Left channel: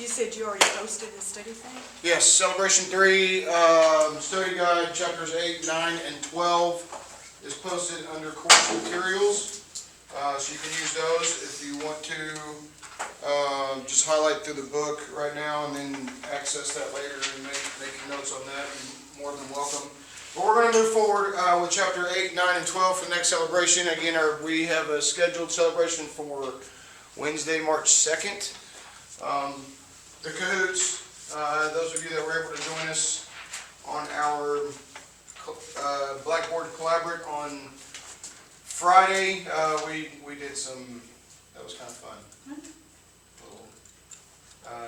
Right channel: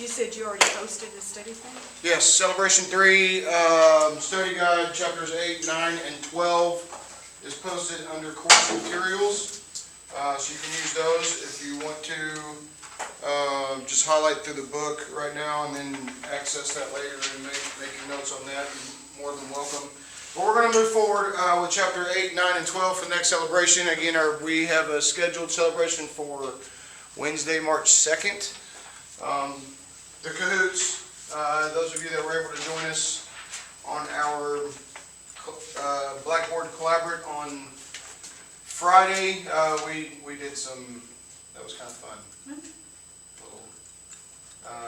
You said you already posted the study thing? Yes, Celebration 3, Study Guide, Chapters 8, 9, and 12 is posted under course materials. So you can use those if you want to just highlight through the book right now and then access that later and make your notes on that. You're more than welcome. But we're going to move forward with Chapter 8, 9, and 12 for the next celebration. Again, we have a scheduled celebration for Wednesday, March 2nd. The Cahoots, those of you that were able to join us on our Blackboard Collaborate on Friday, we did some, that was kind of fun. Little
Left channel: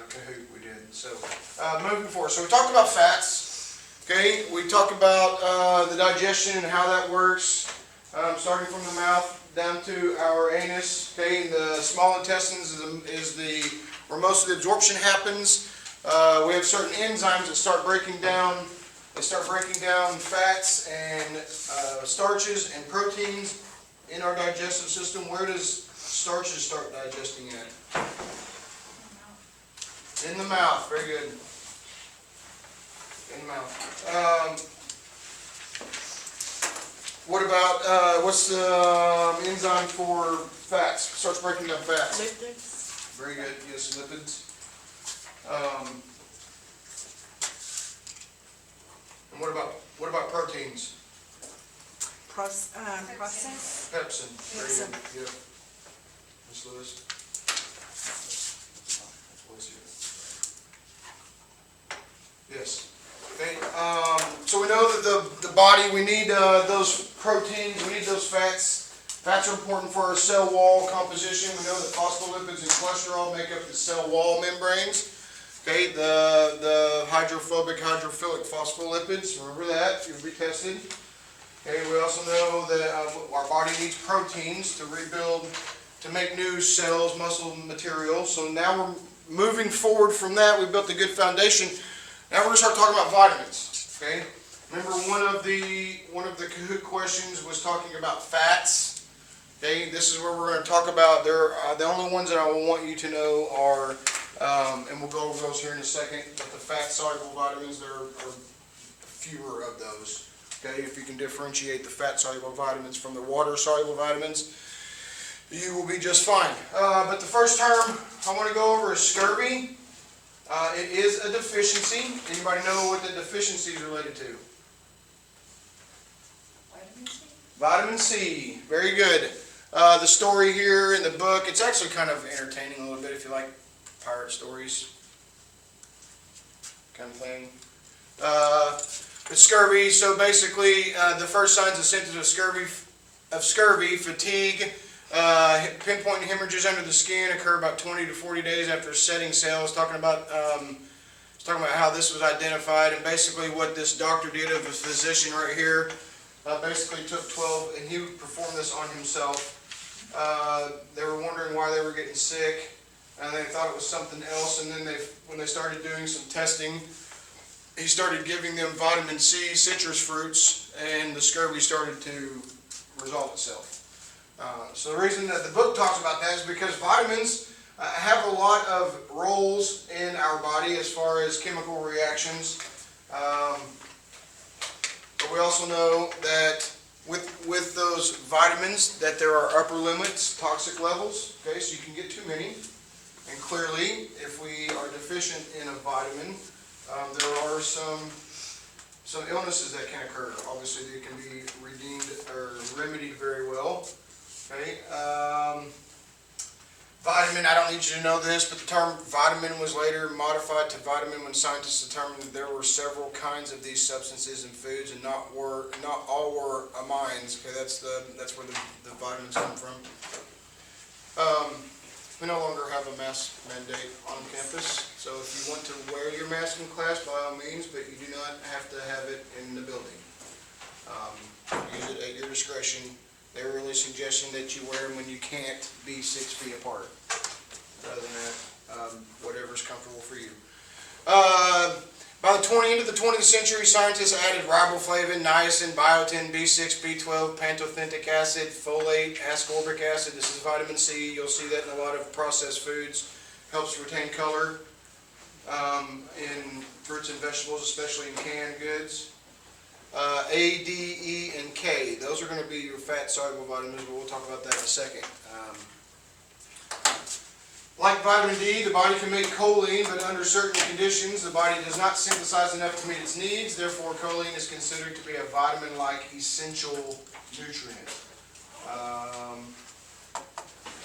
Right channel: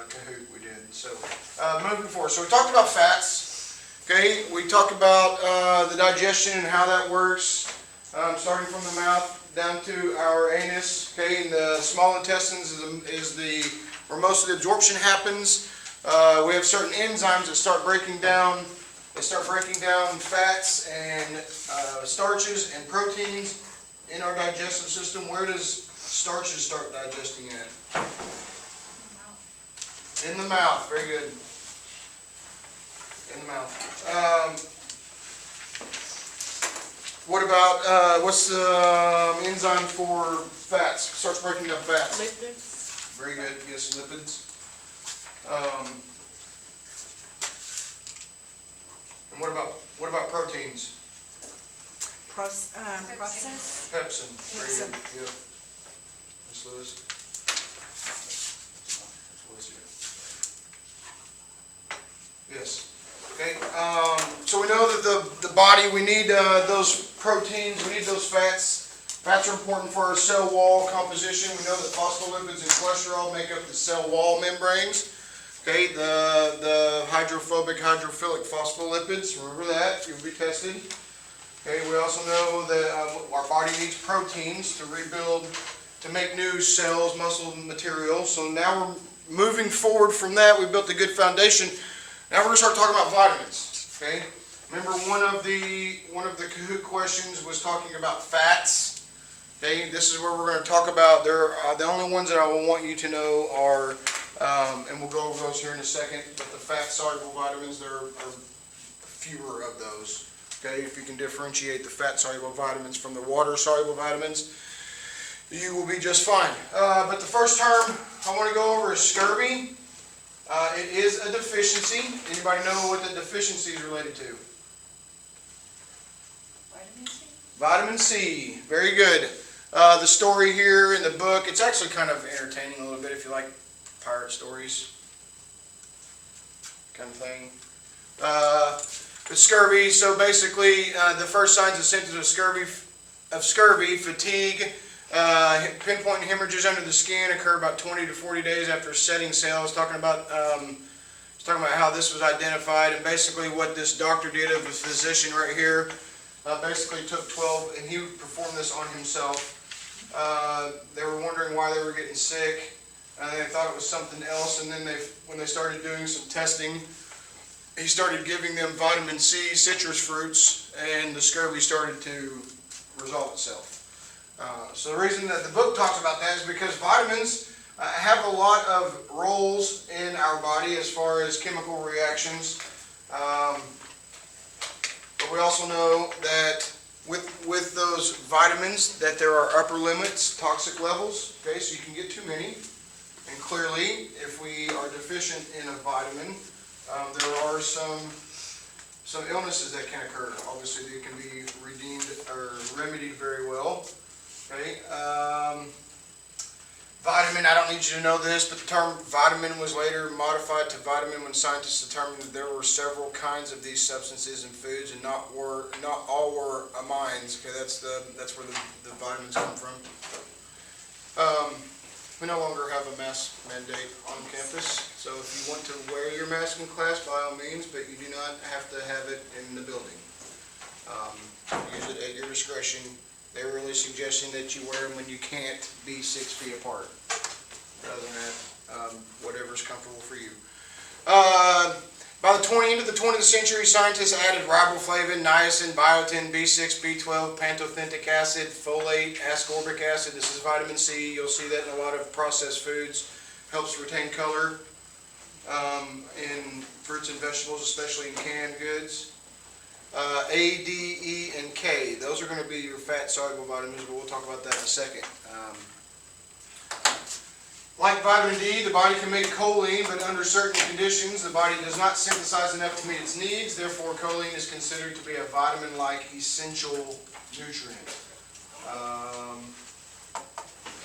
Kahoot we did. So moving forward, so we talked about fats. Okay, we talked about the digestion and how that works, starting from the mouth down to our anus. Okay, and the small intestines is where most of the absorption happens. We have certain enzymes that start breaking down. They start breaking down fats and starches and proteins in our digestive system. Where does starches start digesting at? In the mouth. Very good. In the mouth. What about, what's the enzyme for fats? Starts breaking down fats. Lipids. Very good. Yes, lipids. And what about proteins? Process. Pepsin. Very good. Yep. Miss Lewis. Yes. Okay. So we know that the body, we need those proteins, we need those fats. Fats are important for our cell wall composition. We know that phospholipids and cholesterol make up the cell wall membranes. Okay, the hydrophobic, hydrophilic phospholipids, remember that, you'll be tested. Okay, we also know that our body needs proteins to rebuild, to make new cells, muscle material. So now we're moving forward from that. We built a good foundation. Now we're going to start talking about vitamins. Okay, remember one of the Kahoot questions was talking about fats. Okay, this is where we're going to talk about. The only ones that I want you to know are, and we'll go over those here in a second, but the fat-soluble vitamins, there are fewer of those. Okay, if you can differentiate the fat-soluble vitamins from the water-soluble vitamins, you will be just fine. But the first term I want to go over is scurvy. It is a deficiency. Anybody know what the deficiency is related to? Vitamin C. Vitamin C. Very good. The story here in the book, it's actually kind of entertaining a little bit if you like pirate stories kind of thing. The scurvy, so basically the first signs and symptoms of scurvy, fatigue, pinpoint hemorrhages under the skin occur about 20 to 40 days after setting sail. It's talking about how this was identified, and basically what this doctor did, of a physician right here, basically took 12, and he performed this on himself. They were wondering why they were getting sick, and they thought it was something else, and then when they started doing some testing, he started giving them vitamin C, citrus fruits, and the scurvy started to resolve itself. So the reason that the book talks about that is because vitamins have a lot of roles in our body as far as chemical reactions. But we also know that with those vitamins that there are upper limits, toxic levels. Okay, so you can get too many. And clearly, if we are deficient in a vitamin, there are some illnesses that can occur. Obviously, they can be redeemed or remedied very well. Okay. Vitamin, I don't need you to know this, but the term vitamin was later modified to vitamin when scientists determined that there were several kinds of these substances in foods, and not all were amines. Okay, that's where the vitamins come from. We no longer have a mask mandate on campus, so if you want to wear your mask in class, by all means, but you do not have to have it in the building. Use it at your discretion. They're really suggesting that you wear them when you can't be 6 feet apart. Other than that, whatever's comfortable for you. By the end of the 20th century, scientists added riboflavin, niacin, biotin, B6, B12, pantothenic acid, folate, ascorbic acid. This is vitamin C. You'll see that in a lot of processed foods. Helps retain color. in fruits and vegetables, especially in canned goods. A, D, E, and K. Those are going to be your fat-soluble vitamins, but we'll talk about that in a second. Like vitamin D, the body can make choline, but under certain conditions, the body does not synthesize enough to meet its needs. Therefore, choline is considered to be a vitamin-like essential nutrient.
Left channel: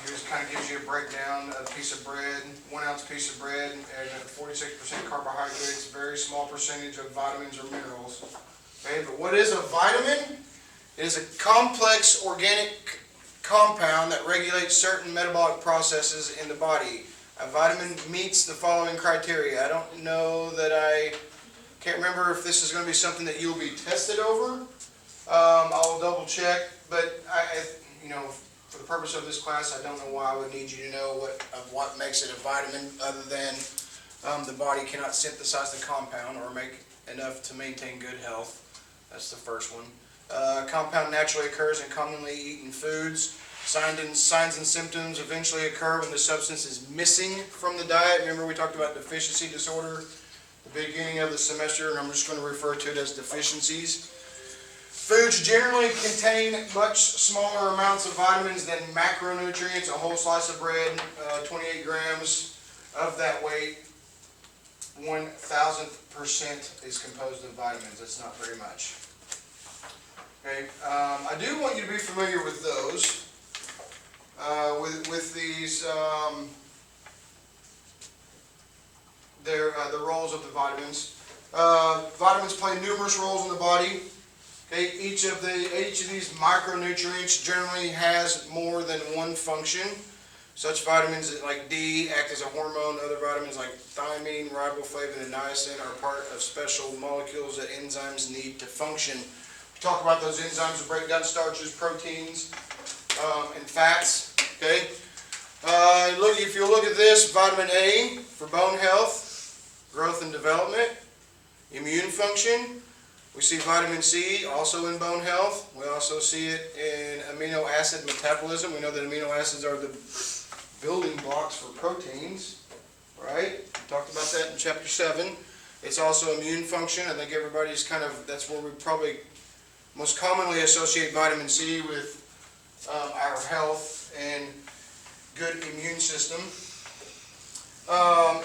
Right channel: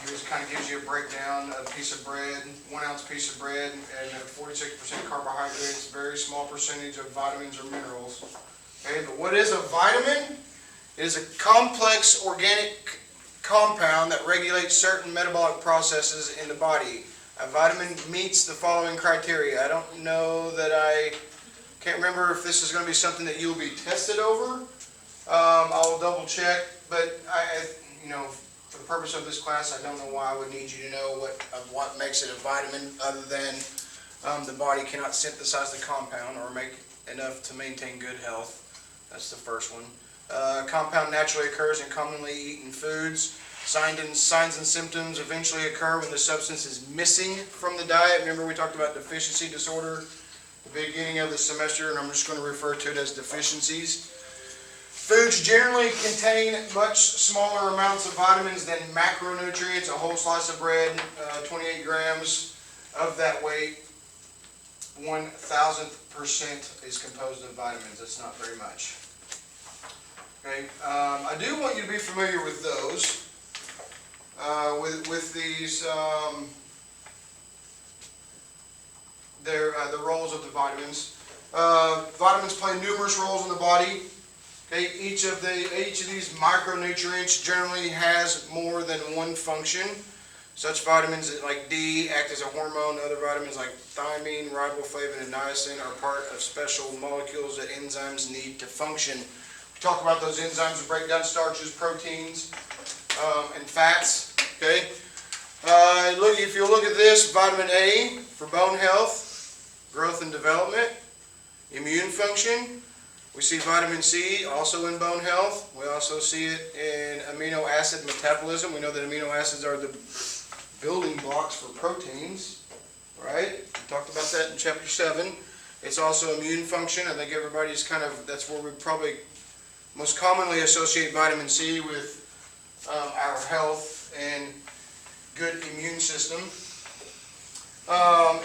Here's kind of gives you a breakdown of a piece of bread, 1 ounce piece of bread, and 46% carbohydrates, very small percentage of vitamins or minerals. Okay, but what is a vitamin? It is a complex organic compound that regulates certain metabolic processes in the body. A vitamin meets the following criteria. I don't know that can't remember if this is going to be something that you'll be tested over. I'll double check, but for the purpose of this class, I don't know why I would need you to know what makes it a vitamin, other than the body cannot synthesize the compound or make enough to maintain good health. That's the first one. Compound naturally occurs in commonly eaten foods. Signs and symptoms eventually occur when the substance is missing from the diet. Remember, we talked about deficiency disorder at the beginning of the semester, and I'm just going to refer to it as deficiencies. Foods generally contain much smaller amounts of vitamins than macronutrients. A whole slice of bread, 28 grams of that weight, 1,000% is composed of vitamins. That's not very much. Okay, I do want you to be familiar with those. With these, the roles of the vitamins. Vitamins play numerous roles in the body. Okay, each of these micronutrients generally has more than one function. Such vitamins like D act as a hormone. Other vitamins like thiamine, riboflavin, and niacin are part of special molecules that enzymes need to function. We talk about those enzymes to break down starches, proteins, and fats. Okay. If you look at this, vitamin A for bone health, growth and development, immune function. We see vitamin C also in bone health. We also see it in amino acid metabolism. We know that amino acids are the building blocks for proteins, right? We talked about that in chapter 7. It's also immune function. I think everybody's that's where we probably most commonly associate vitamin C with our health and good immune system.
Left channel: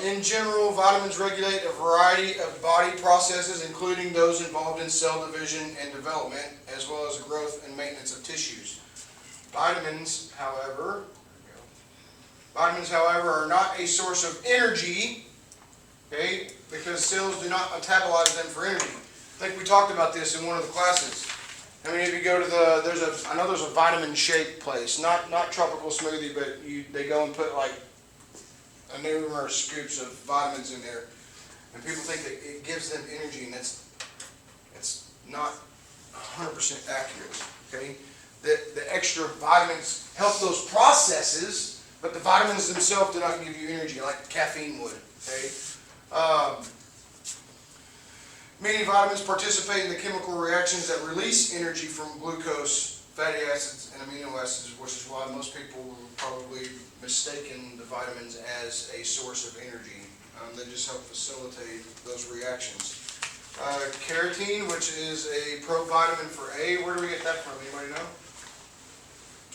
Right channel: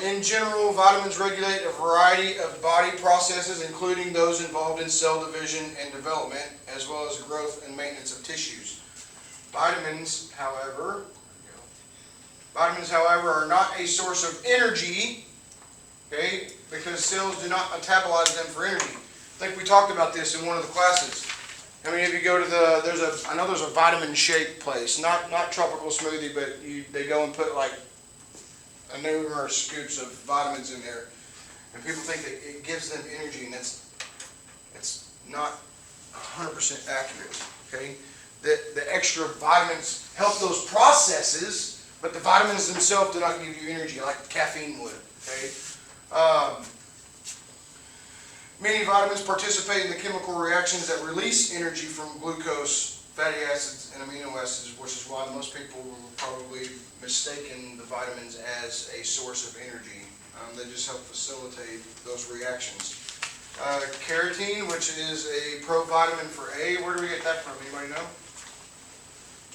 In general, vitamins regulate a variety of body processes, including those involved in cell division and development, as well as growth and maintenance of tissues. Vitamins, however, are not a source of energy, okay, because cells do not metabolize them for energy. I think we talked about this in one of the classes. I mean, if you go to I know there's a vitamin shake place, not tropical smoothie, but they go and put like numerous scoops of vitamins in there, and people think that it gives them energy, and it's not 100% accurate. Okay, the extra vitamins help those processes, but the vitamins themselves do not give you energy like caffeine would. Okay. Many vitamins participate in the chemical reactions that release energy from glucose, fatty acids, and amino acids, which is why most people will probably mistaken the vitamins as a source of energy. They just help facilitate those reactions. Carotene, which is a provitamin for A. Where do we get that from? Anybody know?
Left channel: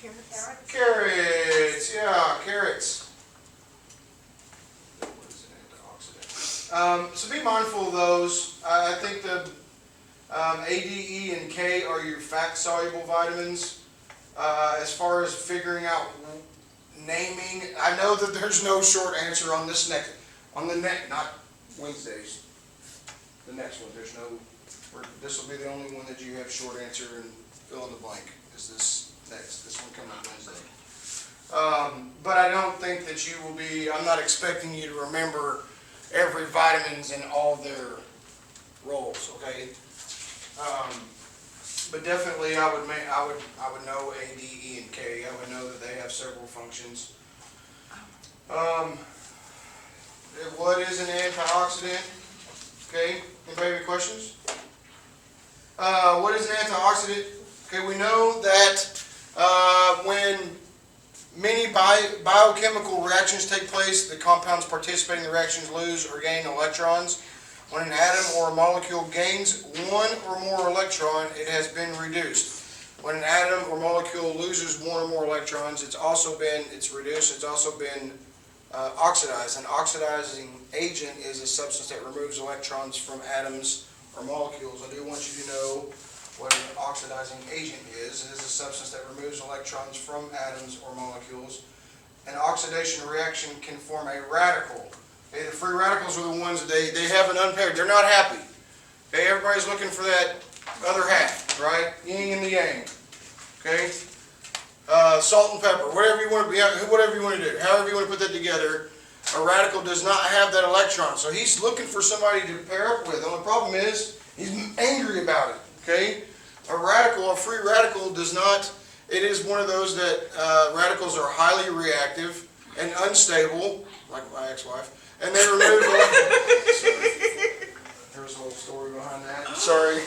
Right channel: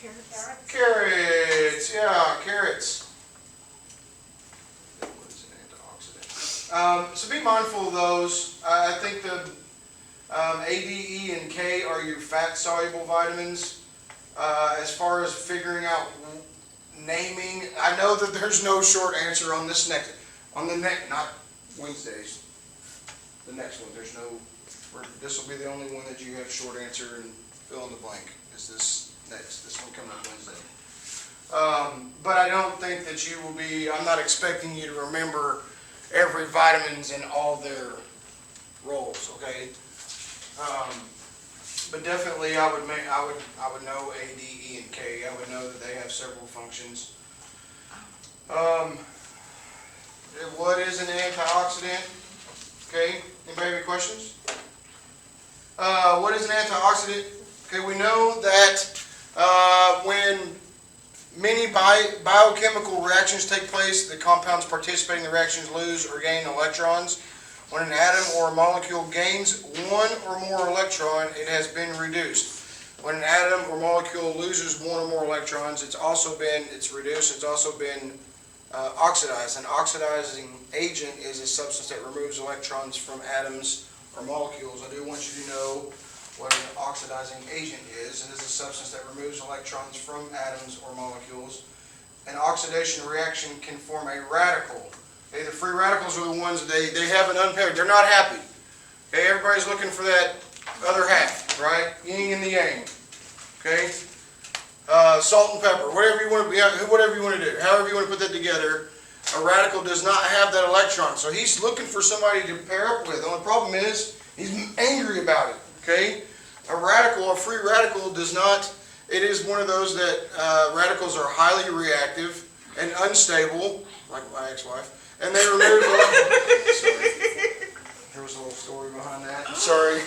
Carrots. Carrots. Yeah, carrots. What is an antioxidant? So be mindful of those. I think the A, D, E, and K are your fat-soluble vitamins. As far as figuring out naming, I know that there's no short answer on this not Wednesdays. The next one, this will be the only one that you have short answer and fill in the blank. Is this next? This one coming up Wednesday. But I don't think that you will be. I'm not expecting you to remember every vitamins and all their roles. Okay. But definitely, I would know A, D, E, and K. I would know that they have several functions. What is an antioxidant? Okay. Anybody have any questions? What is an antioxidant? Okay, we know that when many biochemical reactions take place, the compound compounds participating in the reactions lose or gain electrons. When an atom or a molecule gains one or more electron, it has been reduced. When an atom or molecule loses one or more electrons, it's reduced. It's also been oxidized. An oxidizing agent is a substance that removes electrons from atoms or molecules. I do want you to know what an oxidizing agent is. It is a substance that removes electrons from atoms or molecules. An oxidation reaction can form a radical. Okay, the free radicals are the ones that they have an unpaired. They're not happy. Okay, everybody's looking for that other half, right? Yin and the yang. Okay, salt and pepper, whatever you want to do, however you want to put that together. A radical does not have that electron, so he's looking for somebody to pair up with. The only problem is he's angry about it. Okay, a free radical does not. It is one of those that radicals are highly reactive and unstable, like my ex-wife. And they remove Sorry. There's a little story behind that. Sorry.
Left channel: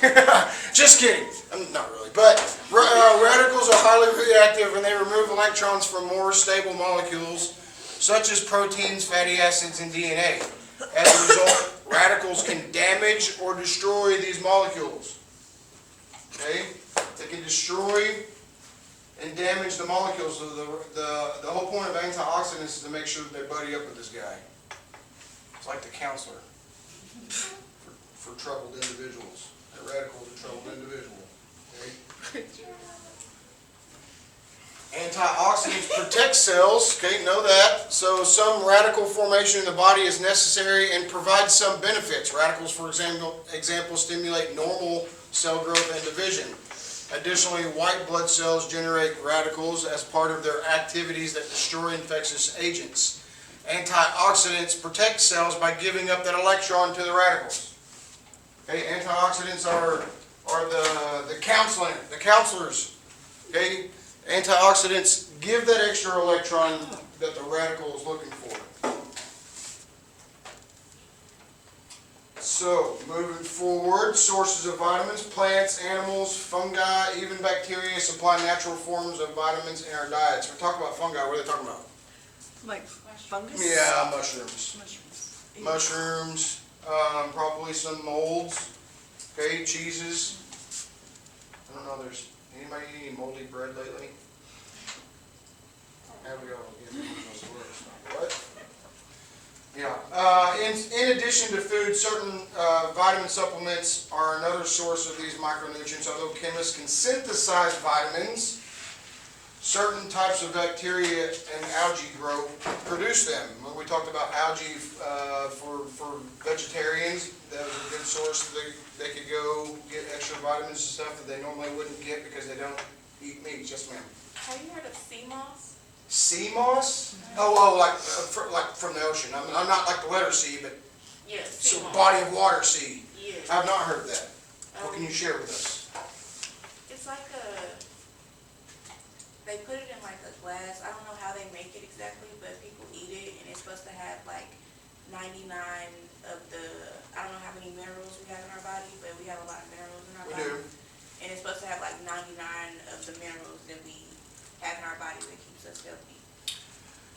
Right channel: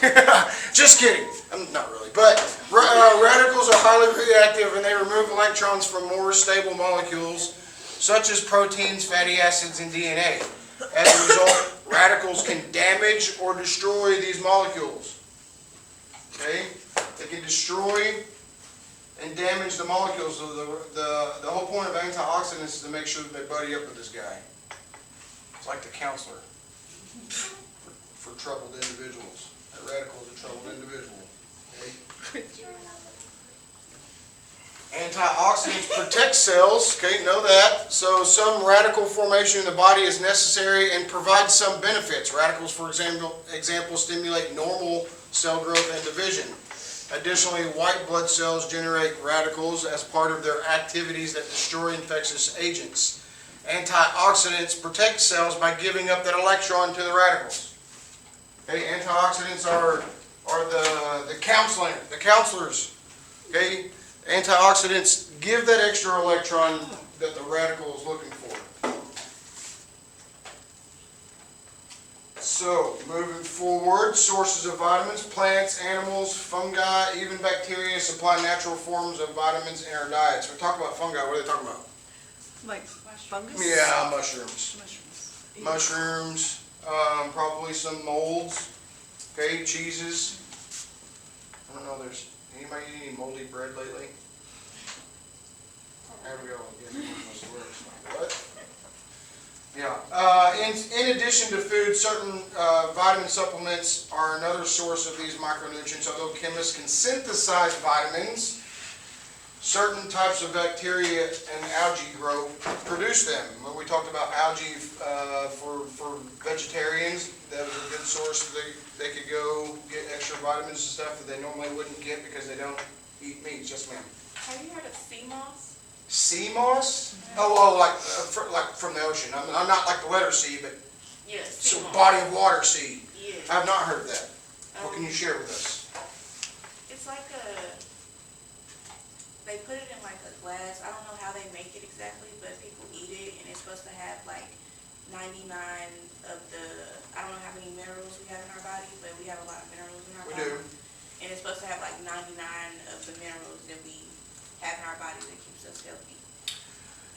Just kidding. Not really. But radicals are highly reactive and they remove electrons from more stable molecules, such as proteins, fatty acids, and DNA. As a result, radicals can damage or destroy these molecules. Okay? They can destroy and damage the molecules. The whole point of antioxidants is to make sure that they buddy up with this guy. It's like the counselor for troubled individuals. A radical is a troubled individual. Okay? Antioxidants protect cells. Okay, know that. So some radical formation in the body is necessary and provides some benefits. Radicals, for example, stimulate normal cell growth and division. Additionally, white blood cells generate radicals as part of their activities that destroy infectious agents. Antioxidants protect cells by giving up that electron to the radicals. Okay, antioxidants are the counselors. Okay, antioxidants give that extra electron that the radical is looking for. So, moving forward, sources of vitamins, plants, animals, fungi, even bacteria supply natural forms of vitamins in our diets. We talk about fungi, what are they talking about? Like fungus? Yeah, mushrooms. Mushrooms. Mushrooms, probably some molds, okay, cheeses. I don't know, there's anybody eat any moldy bread lately? There we go. What? Yeah. In addition to food, certain vitamin supplements are another source of these micronutrients. Although chemists can synthesize vitamins, certain types of bacteria and algae produce them. When we talked about algae for vegetarians, that was a good source. They could go get extra vitamins and stuff that they normally wouldn't get because they don't eat meat. Yes, ma'am. Have you heard of sea moss? Sea moss? Oh, like from the ocean. I'm not like the letter C, but Yes. so Sea moss. body of water sea. Yes. I have not heard of that. What can you share with us? It's like they put it in like a glass. I don't know how they make it exactly, but people eat it, and it's supposed to have like 99 of the, I don't know how many minerals we have in our body, but we have a lot of minerals in our We body. do. And it's supposed to have like 99 of the minerals that we have in our body that keeps us healthy.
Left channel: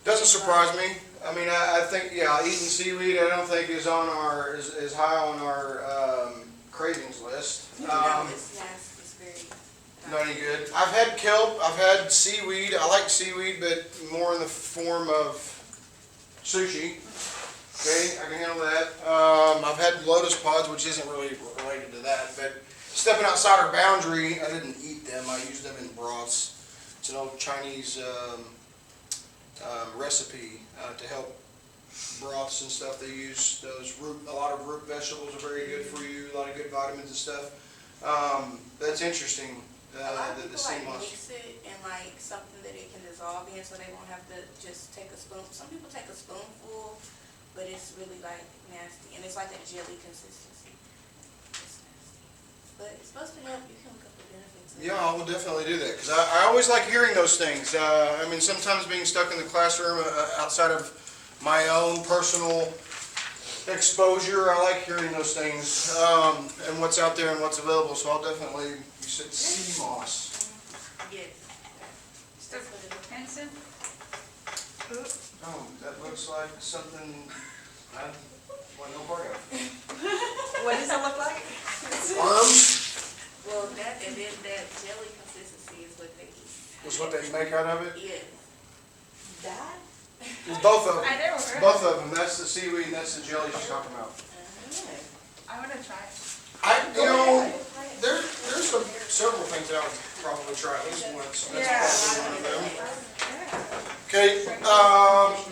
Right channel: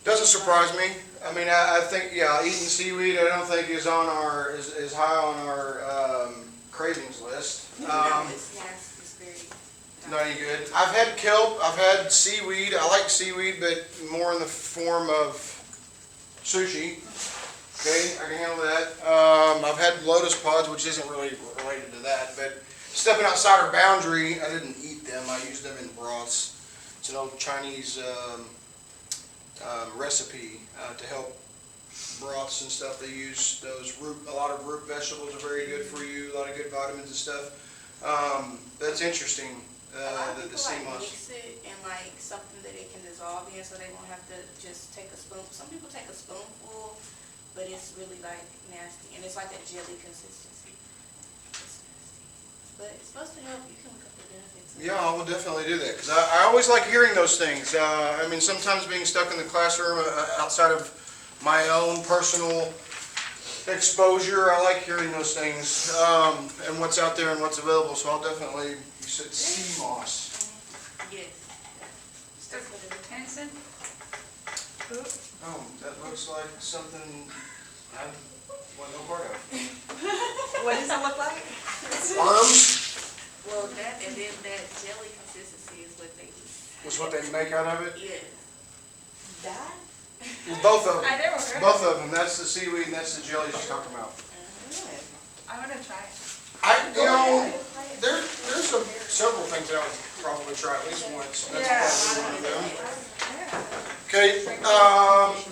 Doesn't surprise me. I mean, I think, yeah, eating seaweed I don't think is on is high on our cravings list. No, it's very Not any good. I've had kelp, I've had seaweed. I like seaweed, but more in the form of sushi. Okay, I can handle that. I've had lotus pods, which isn't really related to that, but stepping outside our boundary, I didn't eat them. I used them in broths. It's an old Chinese recipe to help broths and stuff. They use a lot of root vegetables are very good for you, a lot of good vitamins and stuff. That's interesting. A lot of The people sea like moss. mix it in like something that it can dissolve in, so they won't have to just take a spoon. Some people take a spoonful, but it's really like nasty, and it's like a jelly consistency. It's nasty, but it's supposed to help. You can look up the benefits. Yeah, I will definitely do that because I always like hearing those things. I mean, sometimes being stuck in the classroom outside of my own personal exposure, I like hearing those things and what's out there and what's available. So I'll definitely. You said sea moss. Yes. Henson? Oh, that looks like something I want no part of. What does it look like? Worms Well, that, and then that jelly consistency is what they use. was what they make out of it. Yeah. That? Both of them. I never heard Both of them. That's the seaweed and that's the jelly she's talking about. I want to try it. There's several things that I would probably try at least once. That's probably one of them. Okay,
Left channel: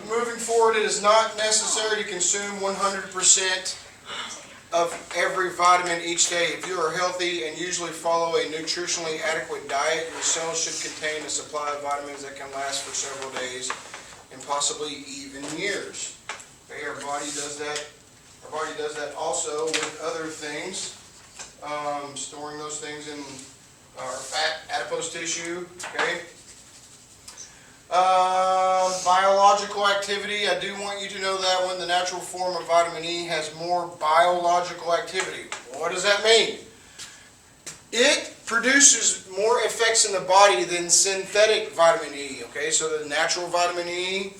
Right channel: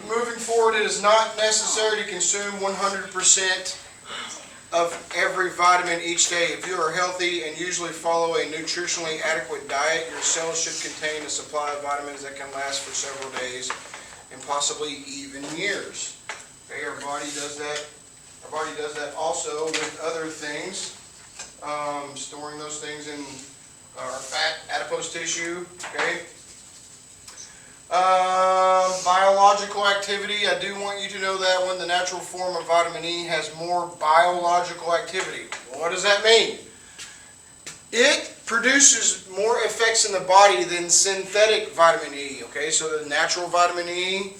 moving forward, it is not necessary to consume 100% of every vitamin each day. If you are healthy and usually follow a nutritionally adequate diet, your cells should contain a supply of vitamins that can last for several days and possibly even years. Okay, our body does that. Our body does that also with other things, storing those things in our fat, adipose tissue. Okay. Biological activity, I do want you to know that one. The natural form of vitamin E has more biological activity. Well, what does that mean? It produces more effects in the body than synthetic vitamin E. Okay, so the natural vitamin E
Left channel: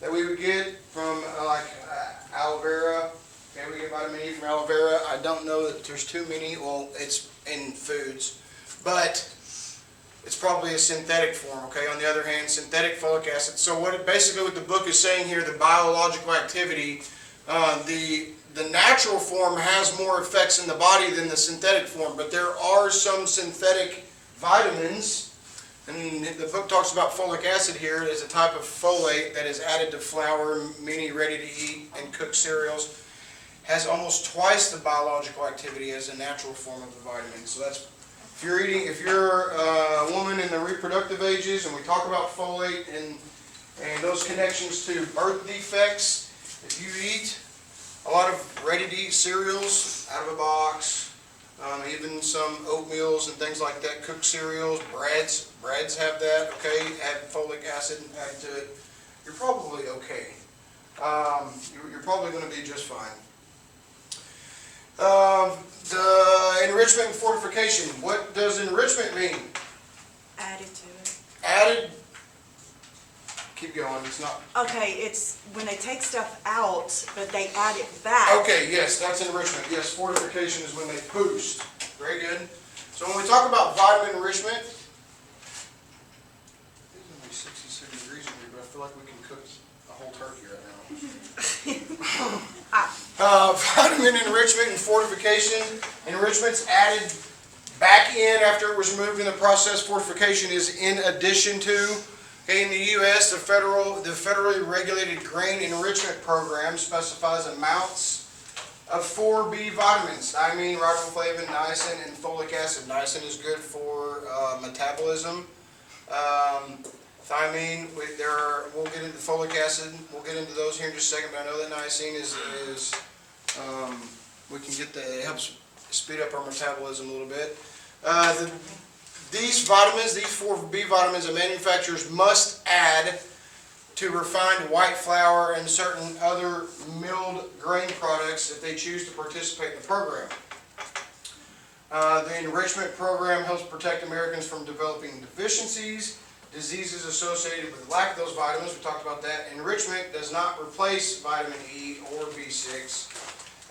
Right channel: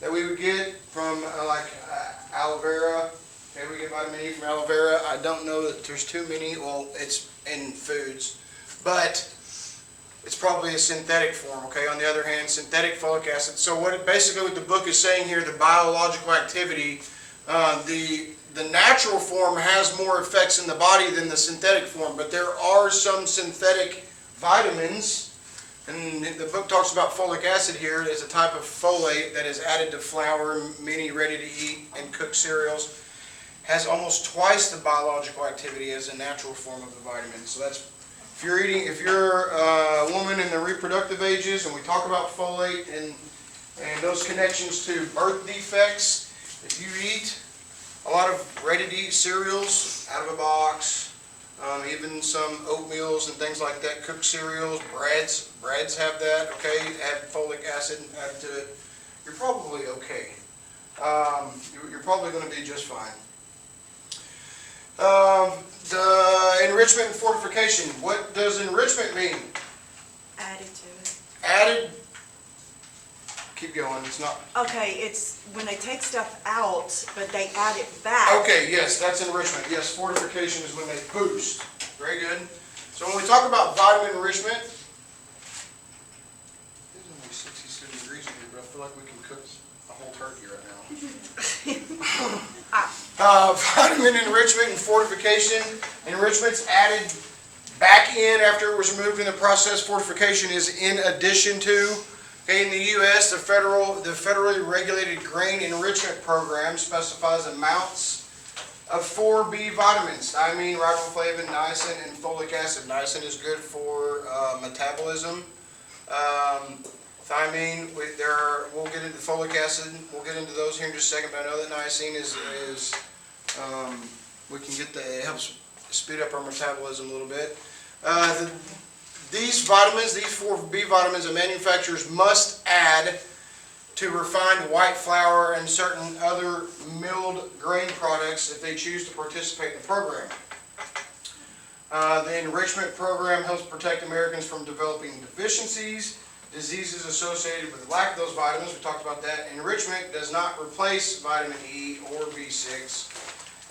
that we would get from aloe vera. Okay, we get vitamin E from aloe vera. I don't know that there's too many. Well, it's in foods, but it's probably a synthetic form, okay? On the other hand, synthetic folic acid. So what the book is saying here, the biological activity, the natural form has more effects in the body than the synthetic form, but there are some synthetic vitamins, and the book talks about folic acid here as a type of folate that is added to flour, many ready-to-eat and cooked cereals, has almost twice the biological activity as a natural form of the vitamin. So that's if you're a woman in the reproductive ages, and we talk about folate and those connections to birth defects, if you eat a lot of ready-to-eat cereals out of a box, even some oatmeals and things like that, cooked cereals, breads have that, okay, add folic acid added to it, you're probably okay. You're probably going to be just fine. The enrichment and fortification. What does enrichment mean? Added to it. Added. Keep going. It's not. Okay, it's when they take stuff out, but they add it back. Okay, yes, that's enrichment. Yes, fortification is when they boost. Very good. So when we talk about vitamin enrichment, it's only 67 degrees in here, but I feel like we can cook a whole turkey right now. Vitamin enrichment and fortification. Enrichment's added back in after it was removed in the process. Fortification is in addition to. Okay, in the U.S., the federally regulated grain enrichment program specifies amounts of 4 B vitamins: thiamine, riboflavin, niacin, and folic acid. Niacin is good for metabolism. Thiamine, we'll get into folic acid. We'll get into those here in just a second. But I know that niacin is we can get it helps speed up our metabolism a little bit. These vitamins, these 4 B vitamins, that manufacturers must add to refined white flour and certain other milled grain products if they choose to participate in the program. The enrichment program helps protect Americans from developing deficiencies, diseases associated with lack of those vitamins. We talked about that. Enrichment does not replace vitamin E or B6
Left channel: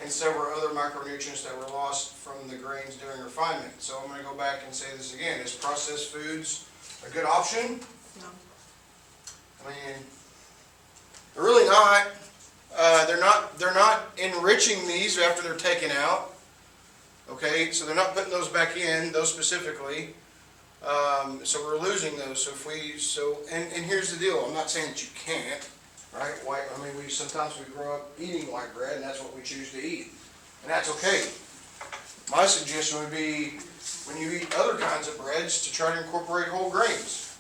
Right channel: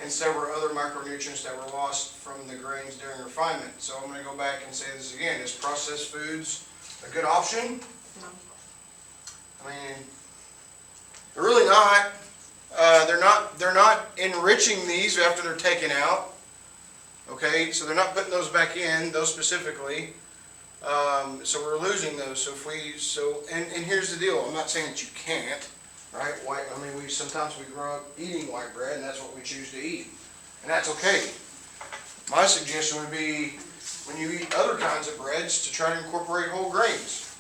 and several other micronutrients that were lost from the grains during refinement. So I'm going to go back and say this again. Is processed foods a good option? No. I mean, they're really not. They're not enriching these after they're taken out. Okay, so they're not putting those back in, those specifically. So we're losing those. And here's the deal. I'm not saying that you can't, right? Sometimes we grow up eating white bread, and that's what we choose to eat, and that's okay. My suggestion would be, when you eat other kinds of breads, to try to incorporate whole grains.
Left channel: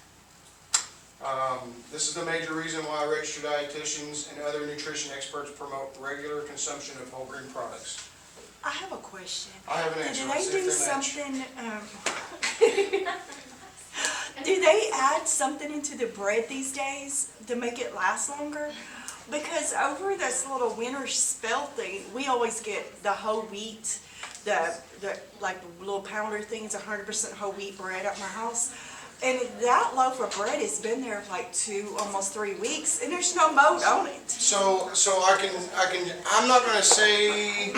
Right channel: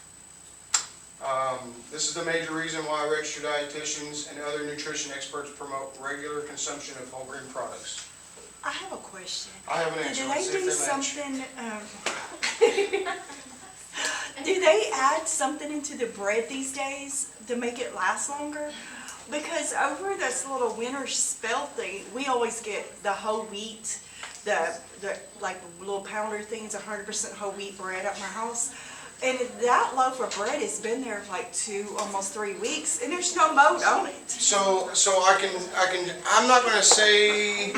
This is the major reason why registered dietitians and other nutrition experts promote regular consumption of whole grain products. I have a question. I have an answer. Do Let's they see do if they match. something? Do they add something into the bread these days to make it last longer? Because over this little winter spell thing, we always get the whole wheat, the like little pounder things, 100% whole wheat bread at my house. And that loaf of bread has been there like almost 3 weeks, and there's no mold on it. So I'm not gonna say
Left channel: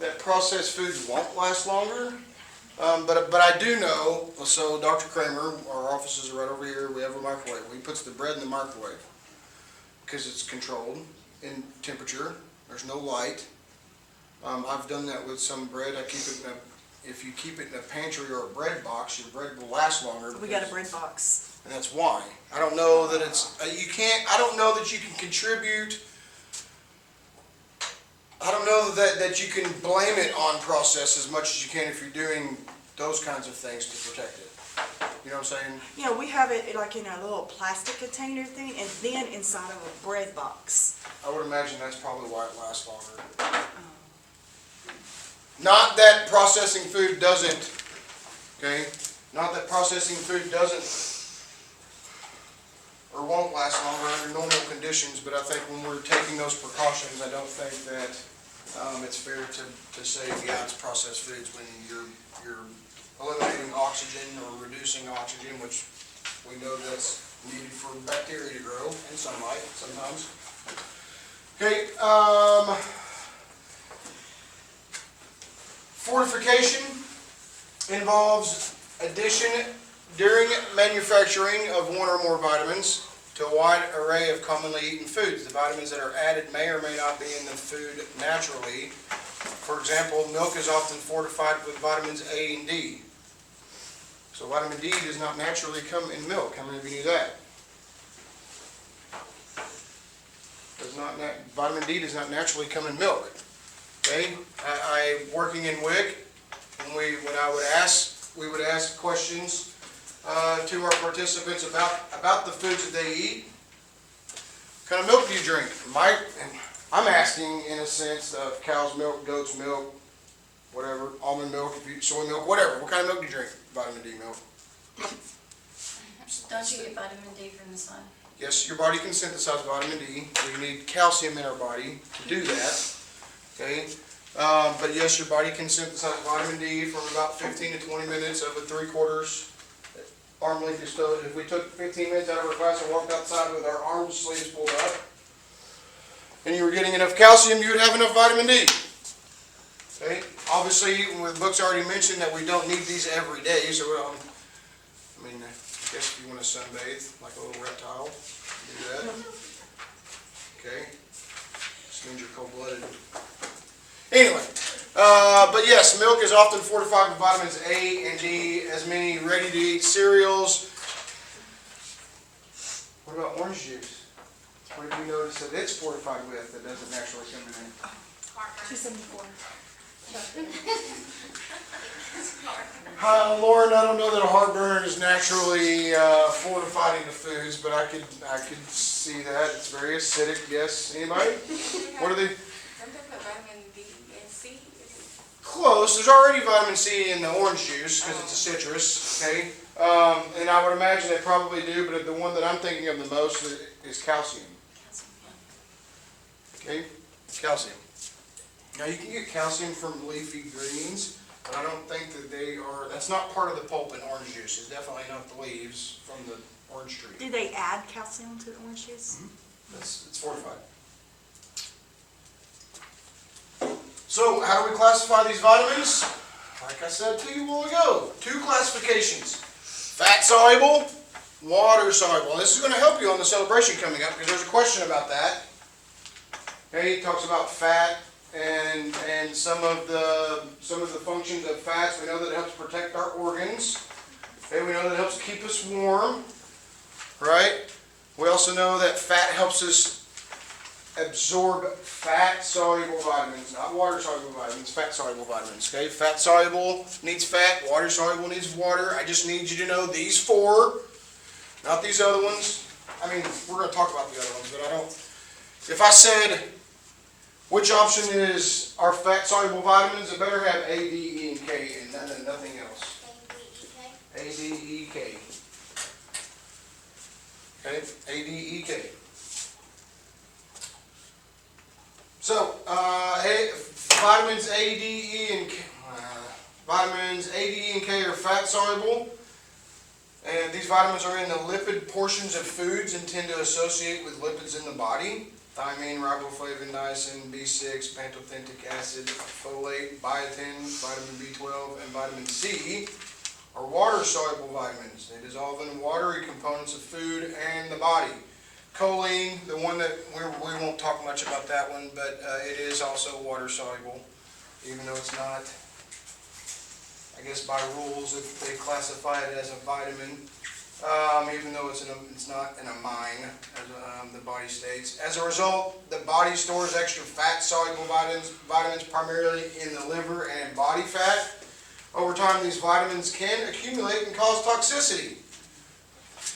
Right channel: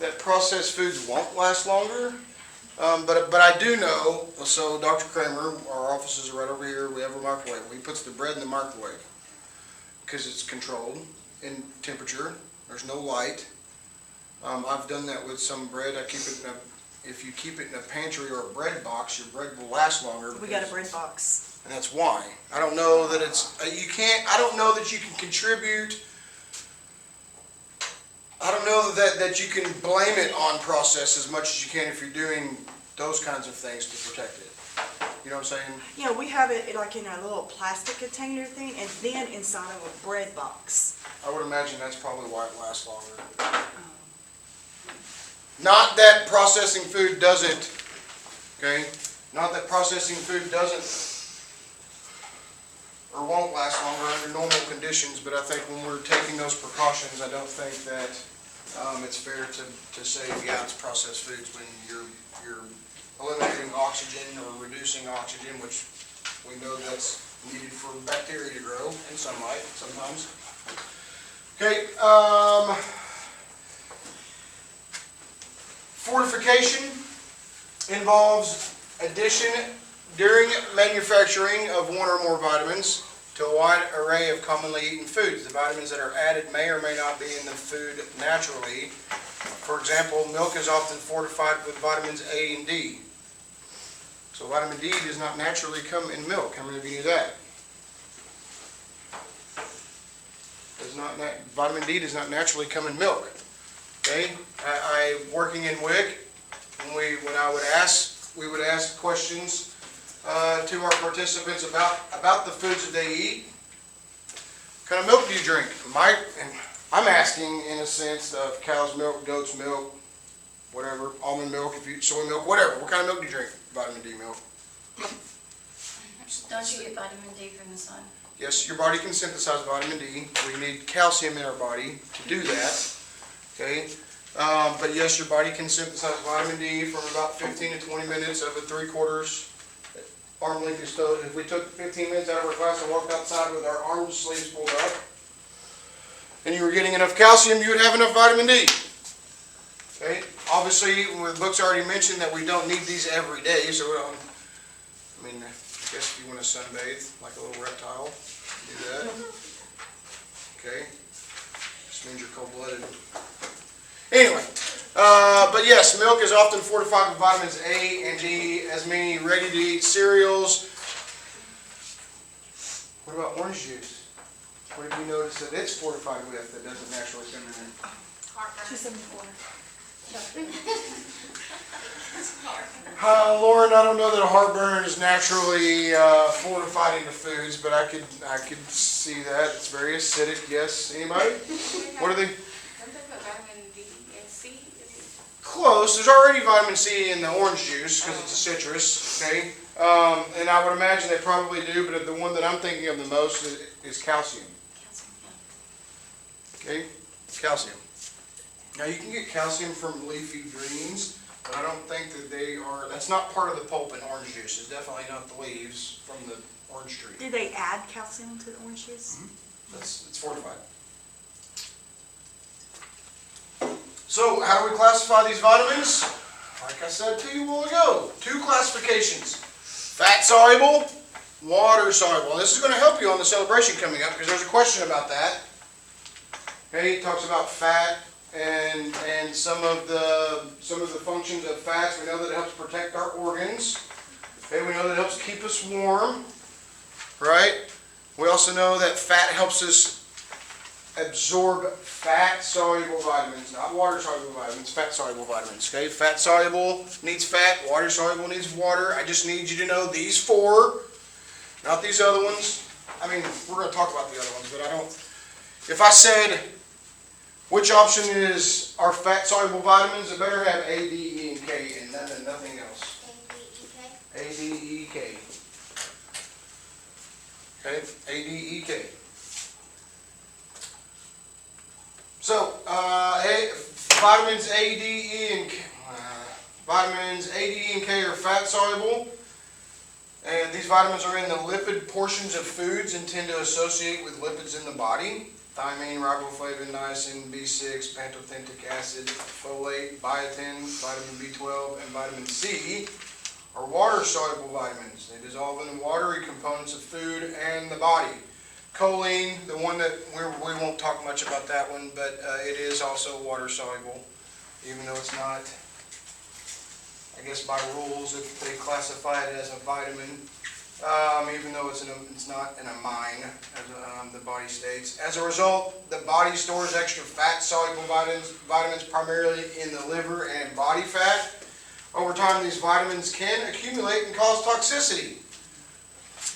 that processed food won't last longer. But I do know, so Dr. Kramer, our offices are right over here, we have a microwave. He puts the bread in the microwave because it's controlled in temperature. There's no light. I've done that with some bread. I keep it if you keep it in a pantry or a bread box, your bread will last longer. We got a bread box. And that's why. I don't know that I don't know that you can contribute. I don't know that you can blame it on process as much as you can if you're doing those kinds of things to protect it. You know what I'm saying? Yeah, we have it like in a little plastic container thing, and then inside of a bread box. I would imagine that's probably why it lasts longer. Not that processing food doesn't, okay? Not that processing food doesn't or won't last longer under normal conditions, but I think when we're taking those precautions, I don't think that it's fair to say, yeah, it's processed foods when you're eliminating oxygen or reducing oxygen, which we know that's needed for bacteria to grow in sunlight sometimes. Okay, fortification involves addition during manufacturing of one or more vitamins to a wide array of commonly eaten foods. The vitamins that are added may or may not be in the food naturally. For example, milk is often fortified with vitamins A and D. So vitamin D does not naturally come in milk. How many of you knew that? Vitamin D does not naturally come in milk. Okay, I working in WIC, we would ask questions to our participants about the foods that they eat. What kind of milk do you drink? I'm asking in a sense of cow's milk, goat's milk, whatever, almond milk, soy milk, whatever. What kind of milk do you drink? Vitamin D milk. Don't you get vitamin D from the sun? Yes, your body can synthesize vitamin D. We need calcium in our body to do that. Okay, but yes, your body can synthesize vitamin D from about 15 to 20 minutes of a 3/4 arm length exposure. If we took 15 minutes out of our class and walked outside with our arm sleeves pulled up, and you were getting enough calcium, you would have enough vitamin D. Okay, obviously, the book's already mentioned that we don't need these every day, so I guess if you want to sunbathe like a little reptile, do that. Okay, just means you're cold-blooded. Anyway, but yes, milk is often fortified with vitamins A and D, as many ready-to-eat cereals. What about orange juice? What did you notice that it's fortified with that doesn't naturally come in? 274. Lauren, I don't know that a heartburn is naturally fortified into foods, but I could see that. It's very acidic. Yes. Anybody? What are they? Don't they put vitamin D and C? Close. There's already vitamin C in the orange juice because it's a citrus. Okay. And I would imagine they probably do, but the one that I'm thinking of the most is calcium. Okay. Calcium. Now you can get calcium from leafy greens, but I don't think that that's not part of the pulp in orange juice. It's definitely not the leaves from the orange tree. Do they add calcium to the orange juice? It's fortified. So how do we classify these vitamins? Like I said to you a while ago, 2 classifications. Fat-soluble, water-soluble. And this is going to help you on the celebration coming up because there's a question about that. Okay, it talks about fat and some of the functions of fats. We know that it helps protect our organs. Okay, we know that it helps keep us warm. Right? We also know that fat helps us absorb fat-soluble vitamins, not water-soluble vitamins, fat-soluble vitamins. Okay, fat-soluble needs fat, water-soluble needs water. I just need you to know these 4, not these other ones. I mean, we're going to talk about the other ones, but I don't. If I said which option is our fat-soluble vitamins, it better have A, D, E, and K, and nothing else. A, D, E, K. Okay, A, D, E, K. So, vitamins A, D, E, and K. Vitamins A, D, E, and K are fat-soluble, And these vitamins are in the lipid portions of foods and tend to associate with lipids in the body. Thiamine, riboflavin, niacin, B6, pantothenic acid, folate, biotin, vitamin B12, and vitamin C are water-soluble vitamins. They dissolve in watery components of food and the body. Choline, the one that we won't talk much about that one, but it is also water-soluble, even though it's not. I guess by rules, if they classify it as a vitamin, even though it's not an amine, as the body states. As a result, the body stores extra fat-soluble vitamins primarily in the liver and body fat. Over time, these vitamins can accumulate and cause toxicity.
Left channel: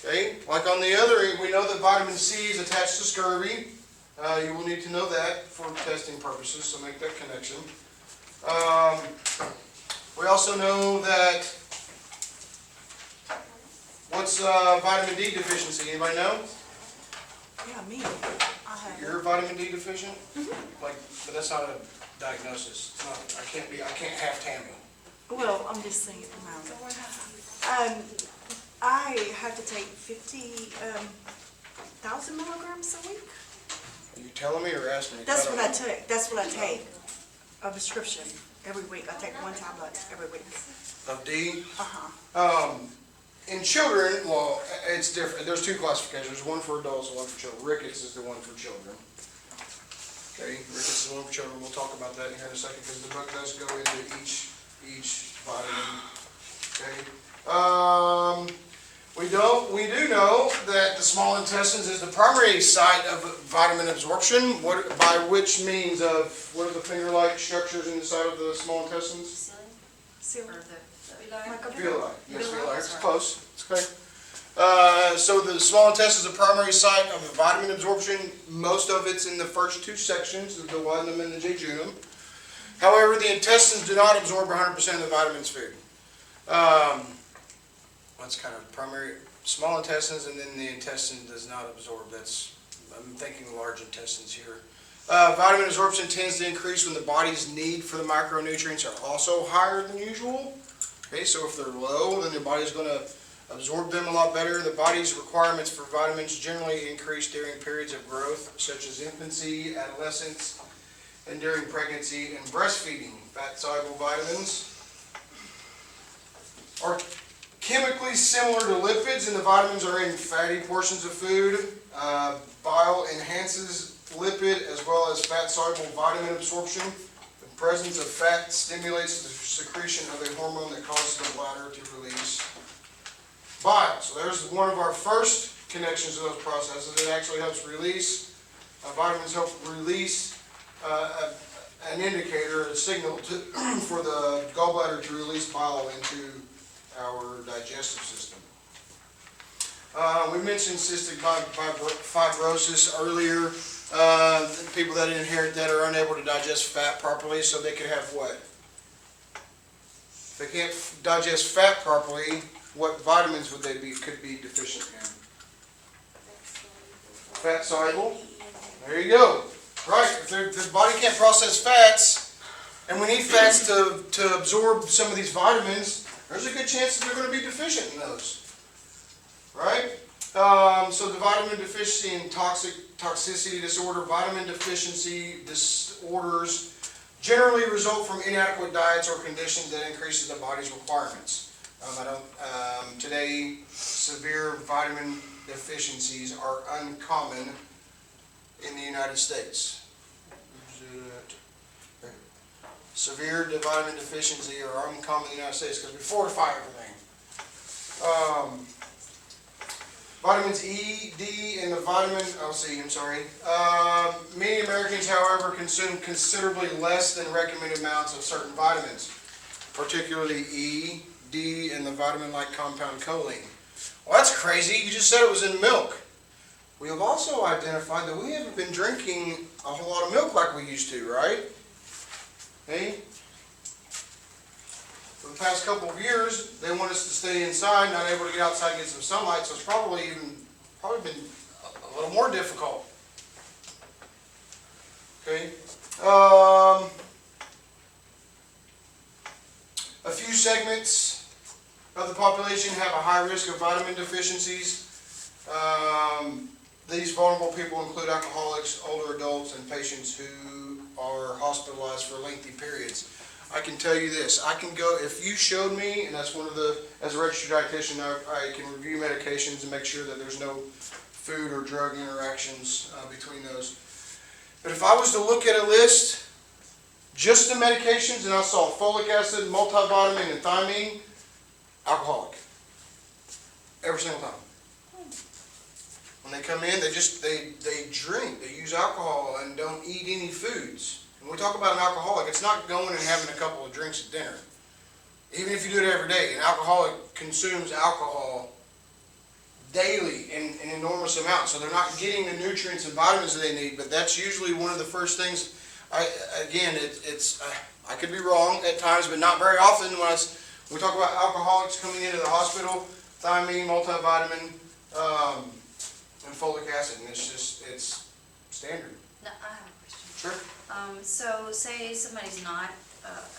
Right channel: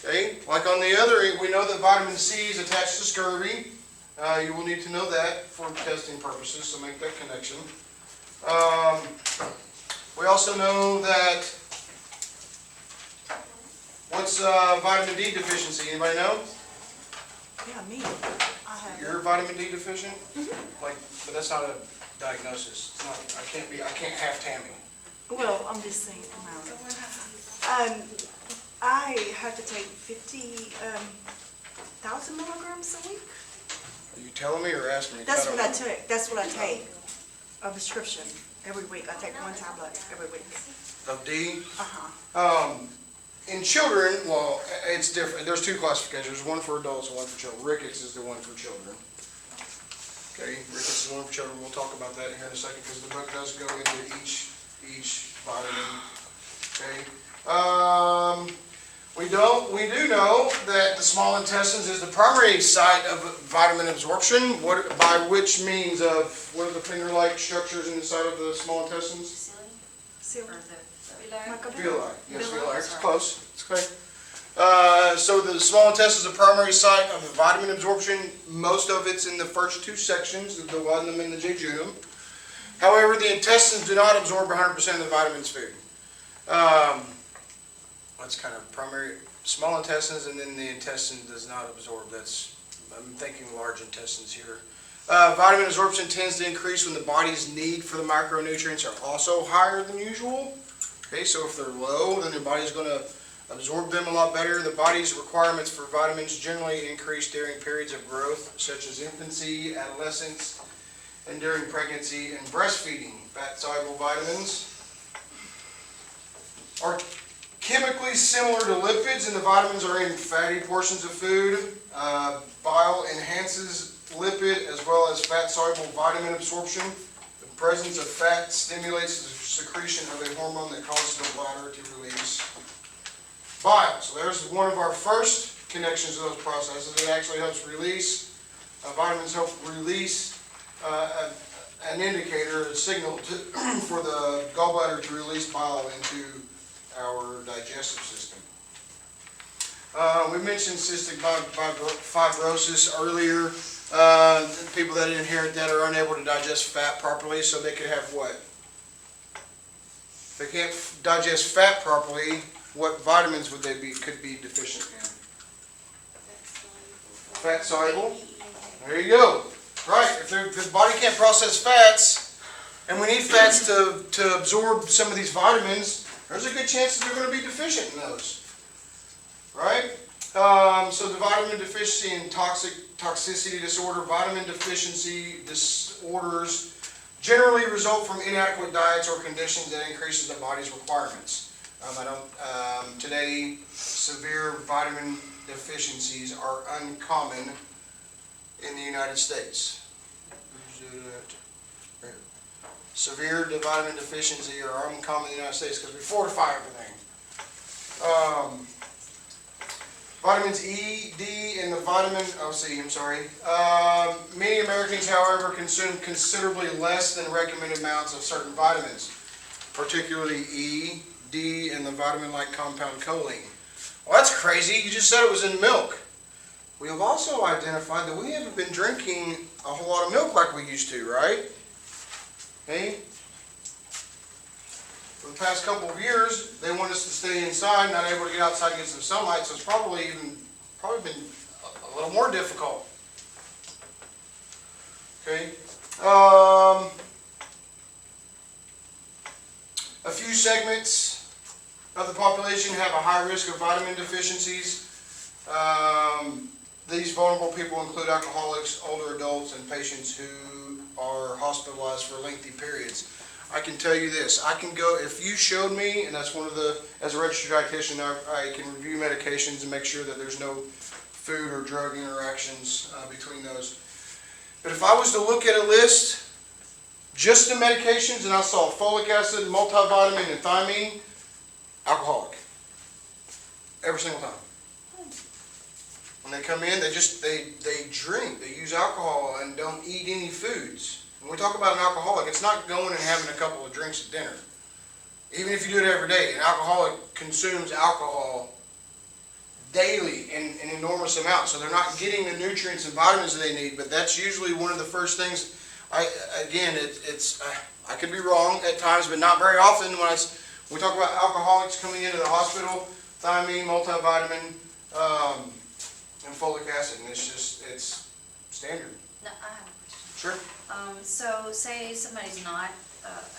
Okay? Like on the other, we know that vitamin C is attached to scurvy. You will need to know that for testing purposes, so make that connection. We also know that, what's vitamin D deficiency? Anybody know? Yeah, me. I have You're vitamin D deficient? Like, but that's not a diagnosis. It's not, I can't have Tammy. Well, I'm just saying, I have to take 50,000 milligrams a week. Are you telling me or asking me? That's what I take. That's what I take. A prescription every week. I take 1 tablet every week. Of D? Uh-huh. In children, well, it's different. There's 2 classifications. There's one for adults and one for children. Rickets is the one for children. Okay, Rickets is the one for children. We'll talk about that here in a second because the book does go into each vitamin. Okay. We do know that the small intestines is the primary site of vitamin absorption. By which means of what are the finger-like structures in the side of the small intestines? Silly. Or Villi. Yes, villi. It's close. It's okay. So the small intestine is the primary site of the vitamin absorption. Most of it's in the first 2 sections, the duodenum and the jejunum. However, the intestines do not absorb 100% of the vitamins food. That's kind of primary, small intestines, and then the intestine does not absorb. I'm thinking large intestines here. Vitamin absorption tends to increase when the body's need for the micronutrients are also higher than usual. Okay, so if they're low, then the body's going to absorb them a lot better. The body's requirements for vitamins generally increase during periods of growth, such as infancy, adolescence, and during pregnancy and breastfeeding. Fat-soluble vitamins are chemically similar to lipids, and the vitamins are in fatty portions of food. Bile enhances lipid as well as fat-soluble vitamin absorption. The presence of fat stimulates the secretion of a hormone that causes the bladder to release bile. So there's one of our first connections to those processes. It actually helps release, vitamins help release an indicator, a signal for the gallbladder to release bile into our digestive system. We mentioned cystic fibrosis earlier. People that inherit that are unable to digest fat properly, so they could have what? If they can't digest fat properly, what vitamins would they could be deficient in? Fat soluble. There you go. Right. If the body can't process fats, and we need fats to absorb some of these vitamins, there's a good chance that they're going to be deficient in those. Right? So the vitamin deficiency and toxicity disorder, vitamin deficiency disorders generally result from inadequate diets or conditions that increases the body's requirements. Today, severe vitamin deficiencies are uncommon in the United States. Severe vitamin deficiency are uncommon in the United States because we fortify everything. Vitamins E, D, and the vitamin, many Americans, however, consume considerably less than recommended amounts of certain vitamins, particularly E, D, and the vitamin-like compound choline. Well, that's crazy. You just said it was in milk. We have also identified that we haven't been drinking a whole lot of milk like we used to, right? Okay? For the past couple of years, they want us to stay inside, not able to get outside and get some sunlight, so it's probably been a little more difficult. Okay? A few segments of the population have a high risk of vitamin deficiencies. These vulnerable people include alcoholics, older adults, and patients who are hospitalized for lengthy periods. I can tell you this, I can go, if you showed me, and that's one of the, as a registered dietitian, I can review medications and make sure that there's no food or drug interactions between those. But if I was to look at a list, just the medications, and I saw folic acid, multivitamin, and thiamine, alcoholic. Every single time. When they come in, they drink, they use alcohol and don't eat any foods. When we talk about an alcoholic, it's not going and having a couple of drinks at dinner. Even if you do it every day, an alcoholic consumes alcohol daily in enormous amounts. So they're not getting the nutrients and vitamins that they need, but that's usually one of the first things. I could be wrong at times, but not very often. When we talk about alcoholics coming into the hospital, thiamine, multivitamin, and folic acid, and it's standard. No, I have a question. Sure. So say somebody's not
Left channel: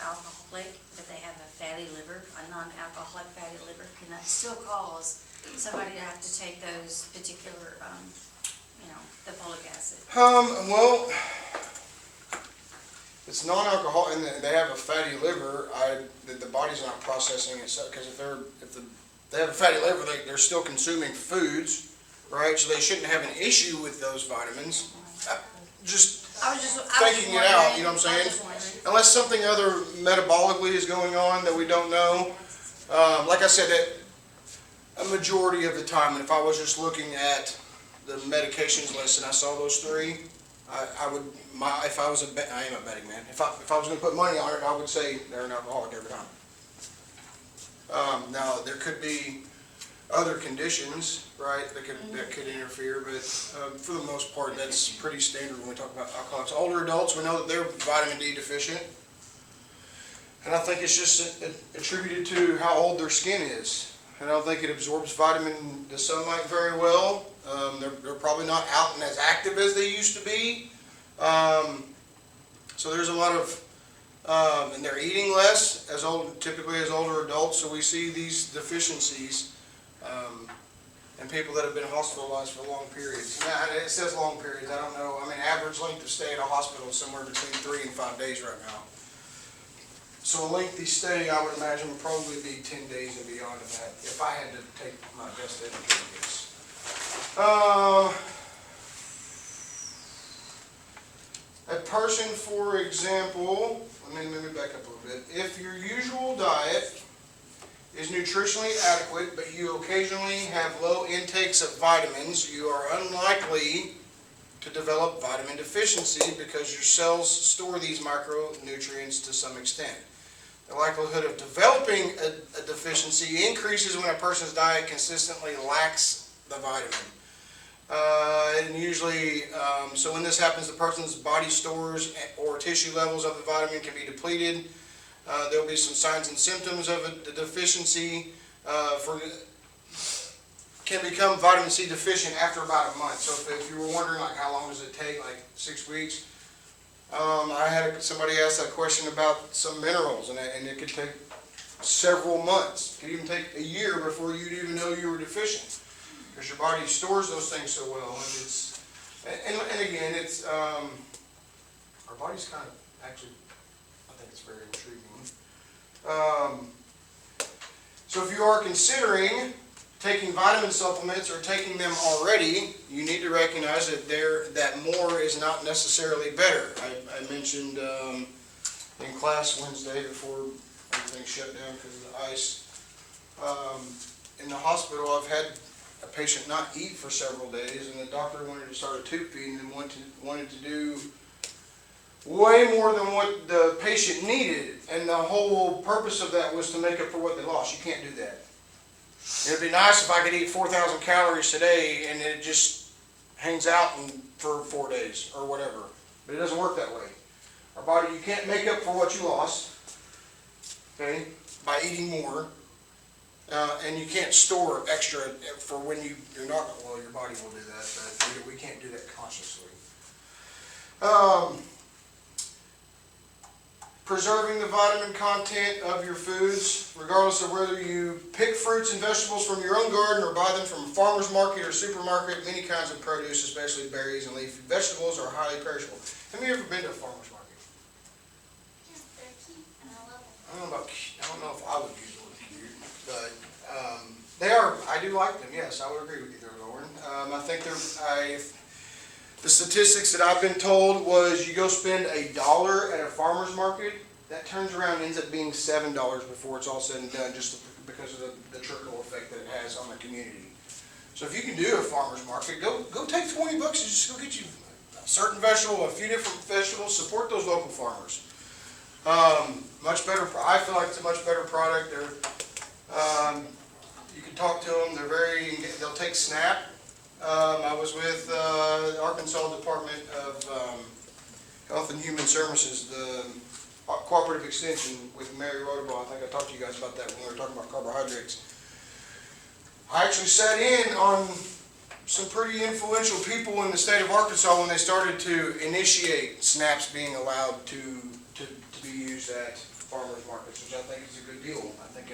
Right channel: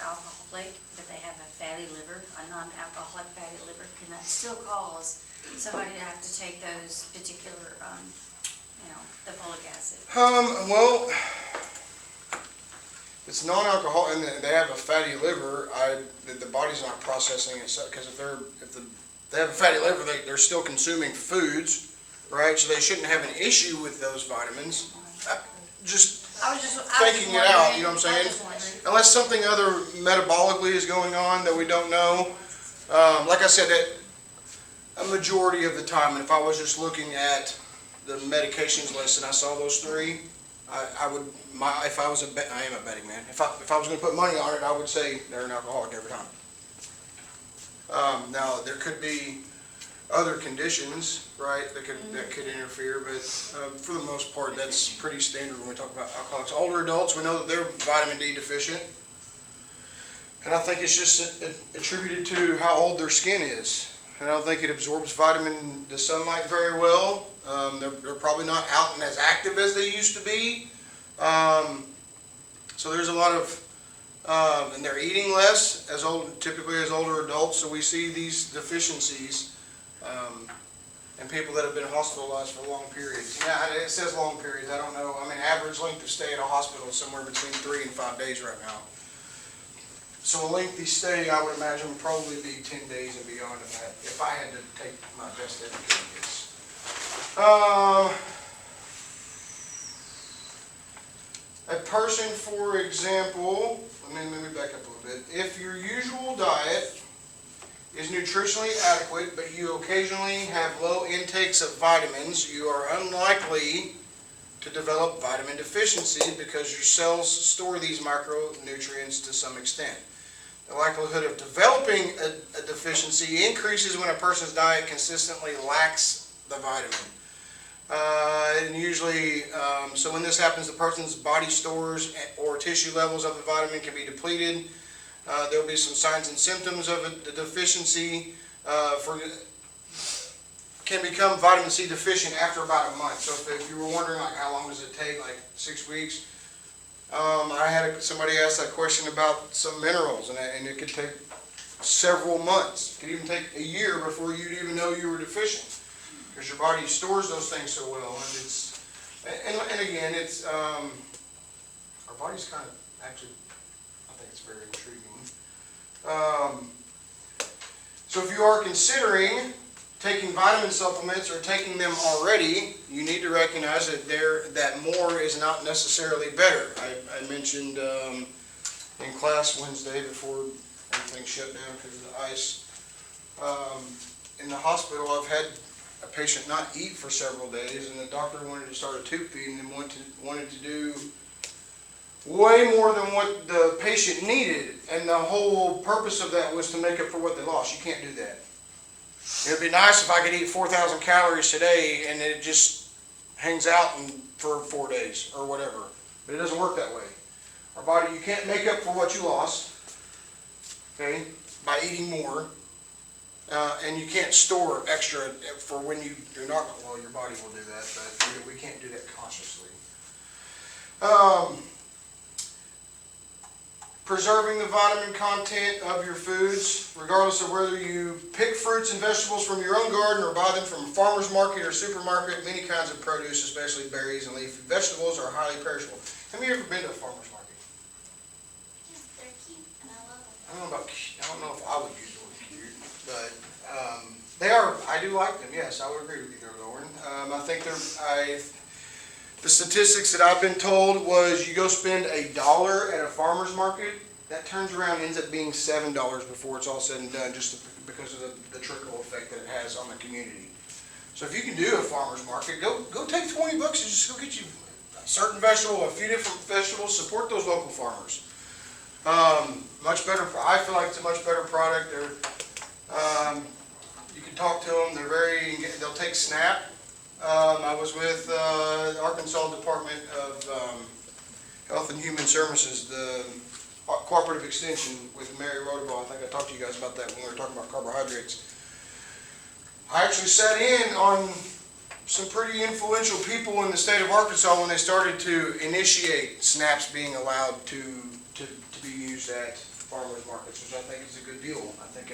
alcoholic, but they have a fatty liver, a non-alcoholic fatty liver, can that still cause somebody to have to take those particular, the folic acid? Well, it's non-alcoholic, and they have a fatty liver. The body's not processing it, because if they have a fatty liver, they're still consuming foods, right? So they shouldn't have an issue with those vitamins. I was just taking it out, you know what I'm saying? Unless something other metabolically is going on that we don't know. Like I said, that a majority of the time, and if I was just looking at the medications list and I saw those three, I am a betting man. If I was going to put money on it, I would say they're an alcoholic every time. Now there could be other conditions, right, that could interfere, but for the most part, that's pretty standard when we talk about alcoholics. Older adults, we know that they're vitamin D deficient, and I think it's just attributed to how old their skin is. I don't think it absorbs the sunlight very well. They're probably not out and as active as they used to be. So there's a lot of, and they're eating less typically as older adults. So we see these deficiencies, and people that have been hospitalized for long periods. Yeah, it says long periods. I don't know. I mean, average length of stay at a hospital is somewhere between 3 and 5 days right now. So a lengthy stay, I would imagine, would probably be 10 days and beyond of that, if I had to take my best educated guess. A person, for example, let me back up a little bit. If your usual diet is nutritionally adequate, but you occasionally have low intakes of vitamins, you are unlikely to develop vitamin deficiency because your cells store these micronutrients to some extent. The likelihood of developing a deficiency increases when a person's diet consistently lacks the vitamin. And usually, so when this happens, the person's body stores or tissue levels of the vitamin can be depleted. There will be some signs and symptoms of a deficiency. Can become vitamin C deficient after about a month. So if you were wondering, like, how long does it take, like 6 weeks? I had somebody ask that question about some minerals, and it could take several months. It could even take a year before you'd even know you were deficient, because your body stores those things so well. And again, it's our body's kind of actually, I think it's very intriguing. So if you are considering taking vitamin supplements or taking them already, you need to recognize that more is not necessarily better. I mentioned in class Wednesday before everything shut down because of the ice. In the hospital, I've had a patient not eat for several days, and the doctor wanted to start a tube feed and wanted to do way more than what the patient needed, and the whole purpose of that was to make up for what they lost. You can't do that. It would be nice if I could eat 4,000 calories today and it just hangs out for 4 days or whatever. But it doesn't work that way. Our body, you can't make up for what you lost, okay, by eating more. And you can't store extra for when you're not, well, your body will do that, but we can't do that consciously. preserving the vitamin content of your foods, regardless of whether you pick fruits and vegetables from your own garden or buy them from a farmer's market or supermarket. Many kinds of produce, especially berries and leafy vegetables, are highly perishable. Have you ever been to a farmer's market? Yeah, they're cute and I love them. I don't know about cute. I don't know if I would use the word cute, but they are. I do like them. Yes, I would agree with you there, Lauren. I think the statistics that I've been told was you go spend $1 at a farmer's market, that turns around and ends up being $7 before it's all said and done, just because of the trickle effect that it has on the community. So if you can do a farmer's market, go take $20 and just go get you a certain vegetable, a few different vegetables. Support those local farmers. Much better. I feel like it's a much better product. You can talk to them. They'll take SNAP. I was with the Arkansas Department of Health and Human Services, the Cooperative Extension with Mary Roderball. I think I talked to you guys about that when we were talking about carbohydrates. I actually sat in on some pretty influential people in the state of Arkansas when they started to initiate SNAPs being allowed to be used at farmers markets, which I think is a good deal. I think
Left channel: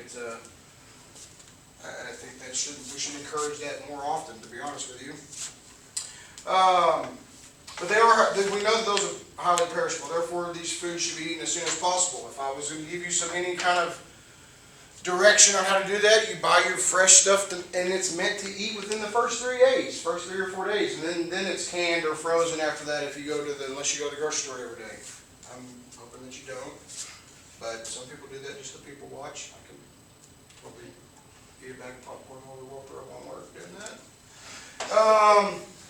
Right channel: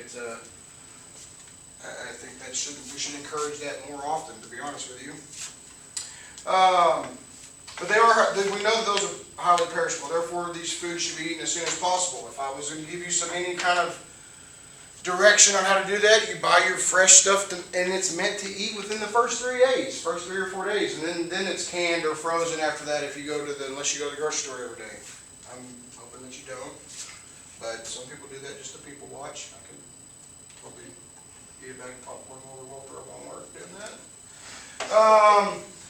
we should encourage that more often, to be honest with you. But we know that those are highly perishable. Therefore, these foods should be eaten as soon as possible. If I was going to give you any kind of direction on how to do that, you buy your fresh stuff, and it's meant to eat within the first 3 days, first 3 or 4 days, and then it's canned or frozen after that. Unless you go to the grocery store every day, I'm hoping that you don't. But some people do that just to people watch. I can probably eat a bag of popcorn while we walk through Walmart doing that.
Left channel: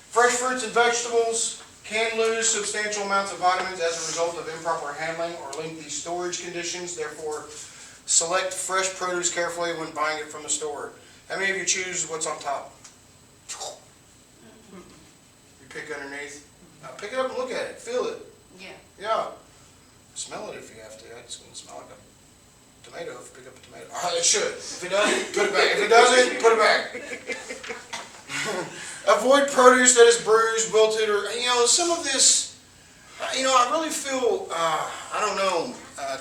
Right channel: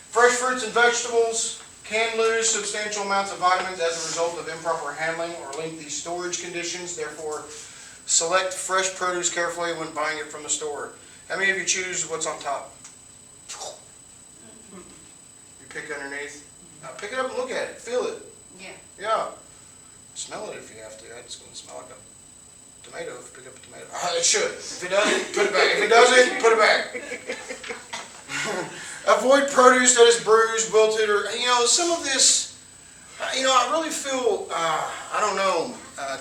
Fresh fruits and vegetables can lose substantial amounts of vitamins as a result of improper handling or lengthy storage conditions. Therefore, select fresh produce carefully when buying it from the store. How many of you choose what's on top? You pick underneath? Now pick it up and look at it. Feel it. Yeah. Yeah. Smell it if you have to. It's going to smell like a tomato if you pick up a tomato. It should. If it doesn't, put it back. If it doesn't, put it back. Avoid produce that is bruised, wilted, or, some of this, I really feel,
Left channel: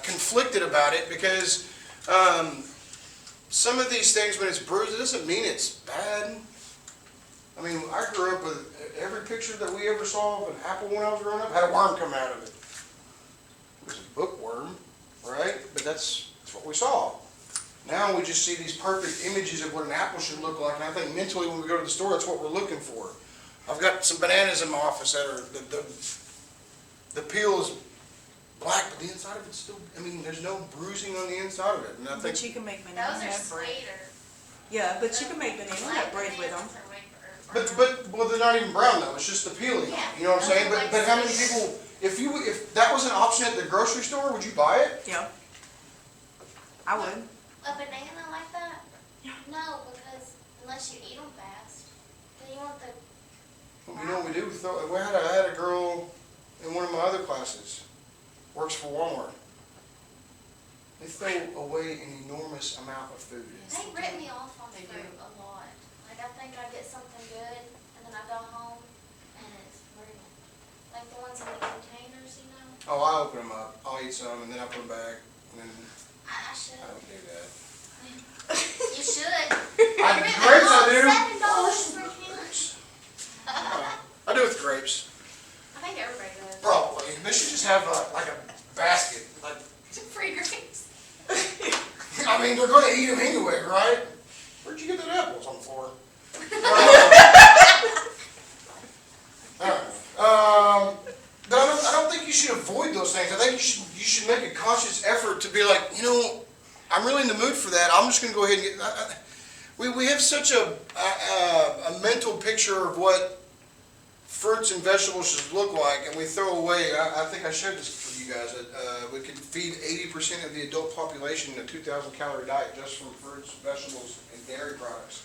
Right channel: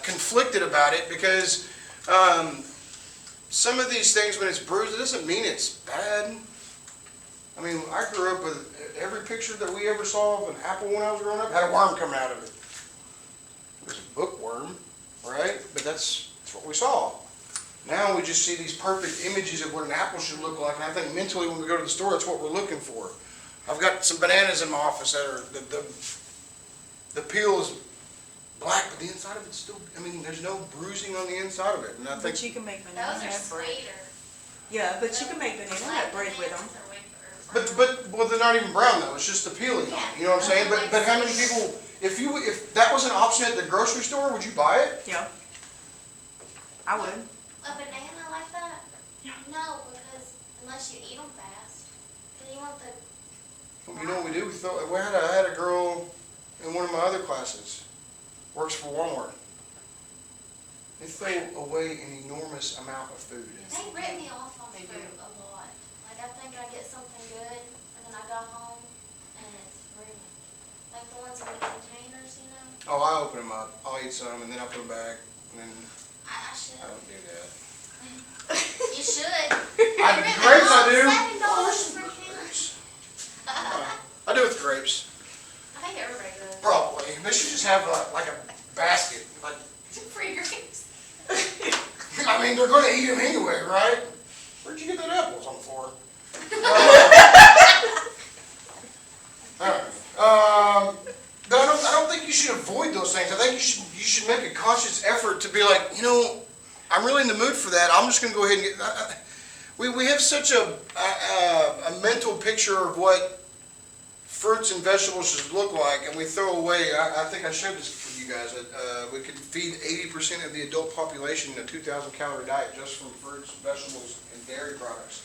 conflicted about it because some of these things, when it's bruised, it doesn't mean it's bad. I mean, I grew up with every picture that we ever saw of an apple when I was growing up had a worm coming out of it. It was a bookworm, right? But that's what we saw. Now we just see these perfect images of what an apple should look like, and I think mentally when we go to the store, that's what we're looking for. I've got some bananas in my office that are, the peel is black, but the inside of it's still, there's no bruising on the inside of it. And I think, But you can make banana Those are nut bread. sweeter. Yeah, but you can make banana nut bread with them. but they're not even brown though, it's just the peeling. Yeah. You know what I'm saying? But how many people, if that was an option at the grocery store, would you buy it? Yeah. I would. A banana like that? Yeah. No, because unless you eat them fast, then you want the. Well, you know what we do? I had a girl in one of my other classes, works for Walmart. They throw away an enormous amount of food. They rip me off on They fruit do. a lot. Like I think I get something good, and then I go home, and it's ruined. Like the ones in the containers, Oh, I open them up. I'll eat some and then I'll put them back. And then I should. I don't do that. You should. Grapes I do. $7 for a can. Grapes. I do with grapes. I think everybody does. Probably. They should just have like a basket. Free grapes. They're going to eat them anyway, right? Where'd you get that apple? It's on the floor. But I don't think you should avoid those things. I think you should make a conscious effort to be like, I'm really in the mood for that. I'm just going to go ahead and get. We have such a mental picture of what fruits and vegetables should look like, and we throw away. I think I shared this with you guys. That we could feed 80% of the adult population a 2,000 calorie diet just from fruits, vegetables, and dairy products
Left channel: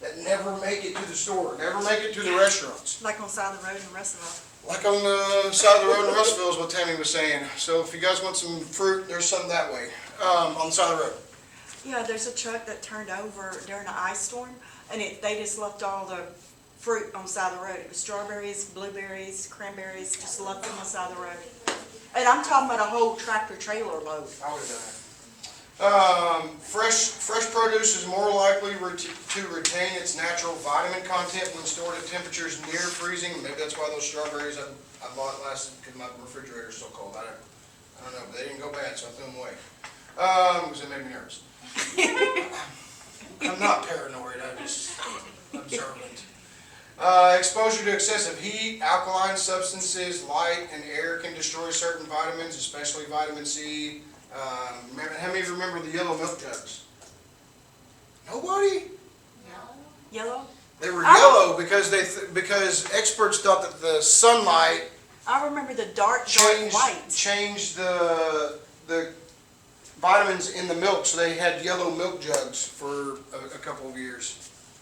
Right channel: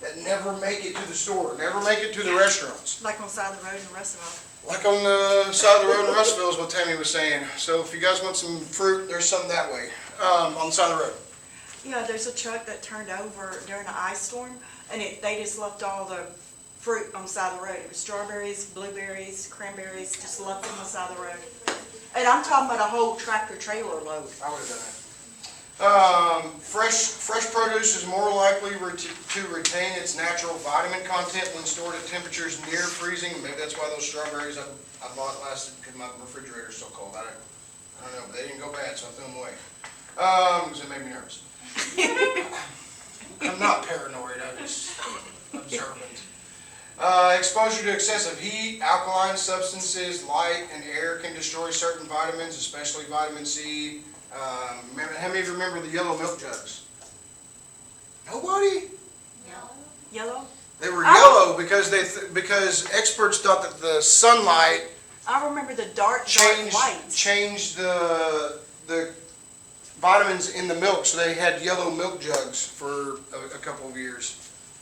that never make it to the store, never make it to the restaurants. Like on the side of the road in Russellville. Like on the side of the road in Russellville is what Tammy was saying. So if you guys want some fruit, there's some that way on the side of the road. Yeah, there's a truck that turned over during the ice storm, and they just left all the fruit on the side of the road. It was strawberries, blueberries, cranberries, just left them on the side of the road. And I'm talking about a whole tractor trailer load. I would have done that. Fresh produce is more likely to retain its natural vitamin content when stored at temperatures near freezing. Maybe that's why those strawberries I bought lasted because my refrigerator's so cold. I don't know, but they didn't go bad, so I threw them away. Because it made me nervous. I'm not paranoid, I'm just observant. Exposure to excessive heat, alkaline substances, light, and air can destroy certain vitamins, especially vitamin C. How many of you remember the yellow milk jugs? Nobody? Yellow? They were yellow because experts thought that the sunlight I remember the dark white. changed the vitamins in the milk, so they had yellow milk jugs for a couple of years.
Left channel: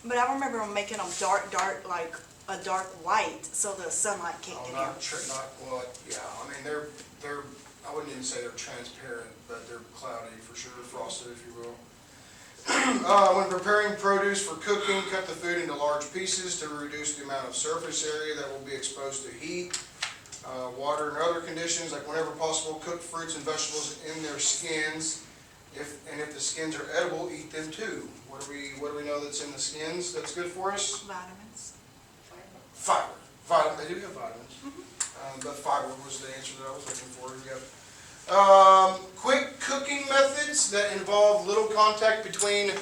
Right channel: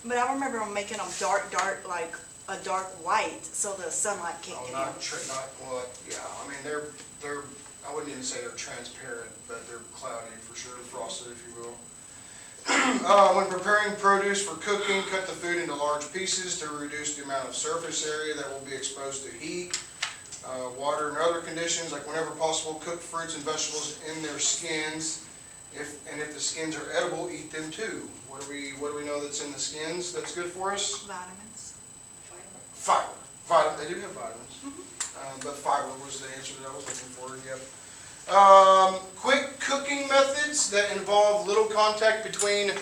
But I remember them making them dark, like a dark white, so the sunlight can't Oh, get not, in. yeah, I mean, they're, I wouldn't even say they're transparent, but they're cloudy for sure, frosted if you will. When preparing produce for cooking, cut the food into large pieces to reduce the amount of surface area that will be exposed to heat, water, and other conditions. Like whenever possible, cook fruits and vegetables in their skins. If the skins are edible, eat them too. What do we know that's in the skins that's good for us? Vitamins. Fiber. They do have vitamins. But fiber was the answer that I was looking for, yep. Quick cooking methods that involve little contact between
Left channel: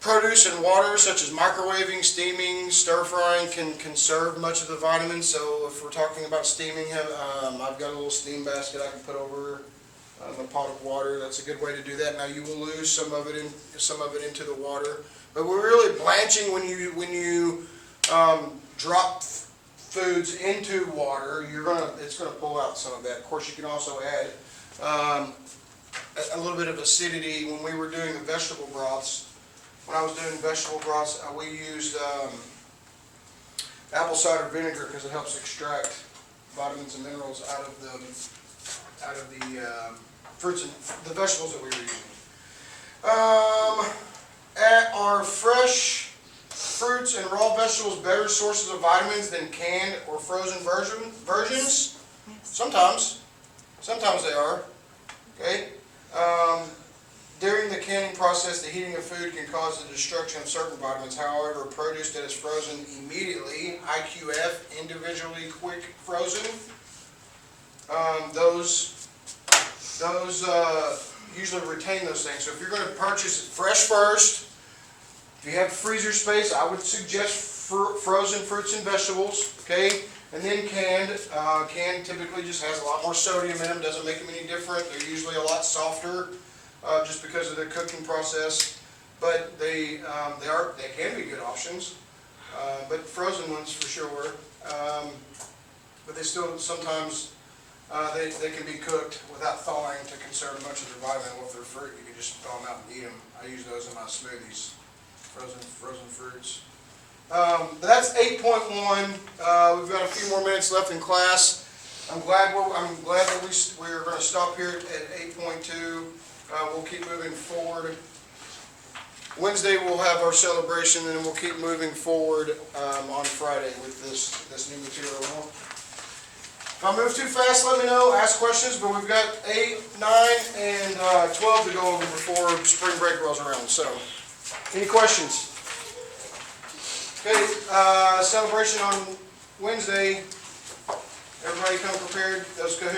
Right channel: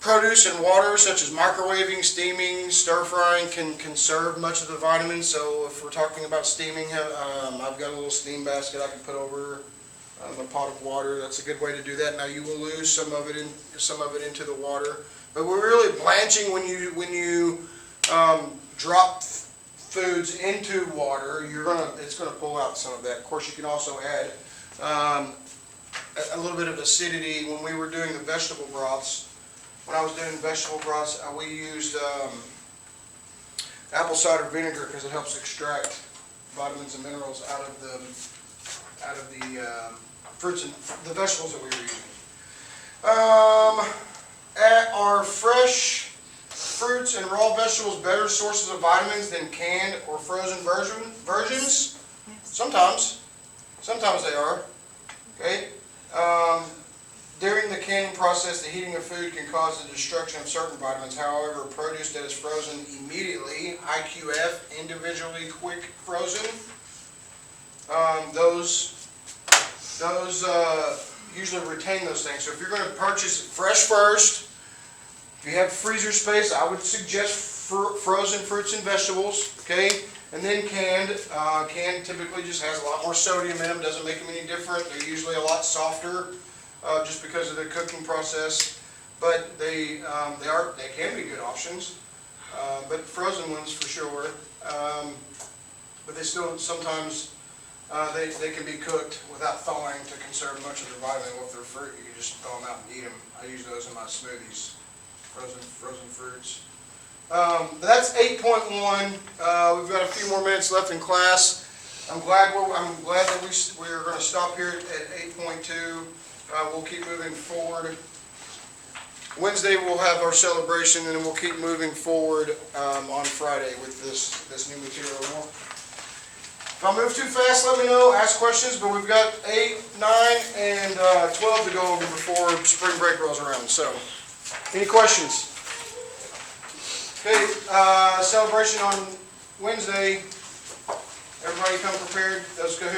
produce and water, such as microwaving, steaming, stir frying, can conserve much of the vitamins. So if we're talking about steaming, I've got a little steam basket I can put over a pot of water. That's a good way to do that. Now you will lose some of it into the water, but we're really blanching when you drop foods into water. It's gonna pull out some of that. Of course, you can also add a little bit of acidity. When we were doing the vegetable broths, we used apple cider vinegar because it helps extract vitamins and minerals out of the fruits and the vegetables that we were using. Are fresh fruits and raw vegetables better sources of vitamins than canned or frozen versions? Sometimes they are. Okay. During the canning process, the heating of food can cause the destruction of certain vitamins. However, produce that is frozen immediately, IQF, individually quick frozen, those usually retain those things. So if you're going to purchase it fresh first, if you have freezer space, I would suggest frozen fruits and vegetables, okay? And then canned. Canned typically just has a lot more sodium in them, doesn't make them any different. They're usually a lot softer just because of the cooking process. But they can be good options. But frozen ones for sure. But they still sometimes they can be cooked without thawing to conserve much of their vitamin. Well, if they're fruit, you can just thaw them out and eat them. I use those in my smoothies, frozen fruits. But that's 8.1. We've got a few more minutes left in class. I'm glad that we're going to stop here at 8.2. We'll keep moving forward. Wednesday we'll have our celebration, and then we'll keep moving forward on Friday with this new material. If I move too fast, let me know. Ask questions. But we've got 8, 9, and 12 to go over before spring break rolls around. So, any questions? Okay, celebration on Wednesday. Everybody come prepared. Those Kahoo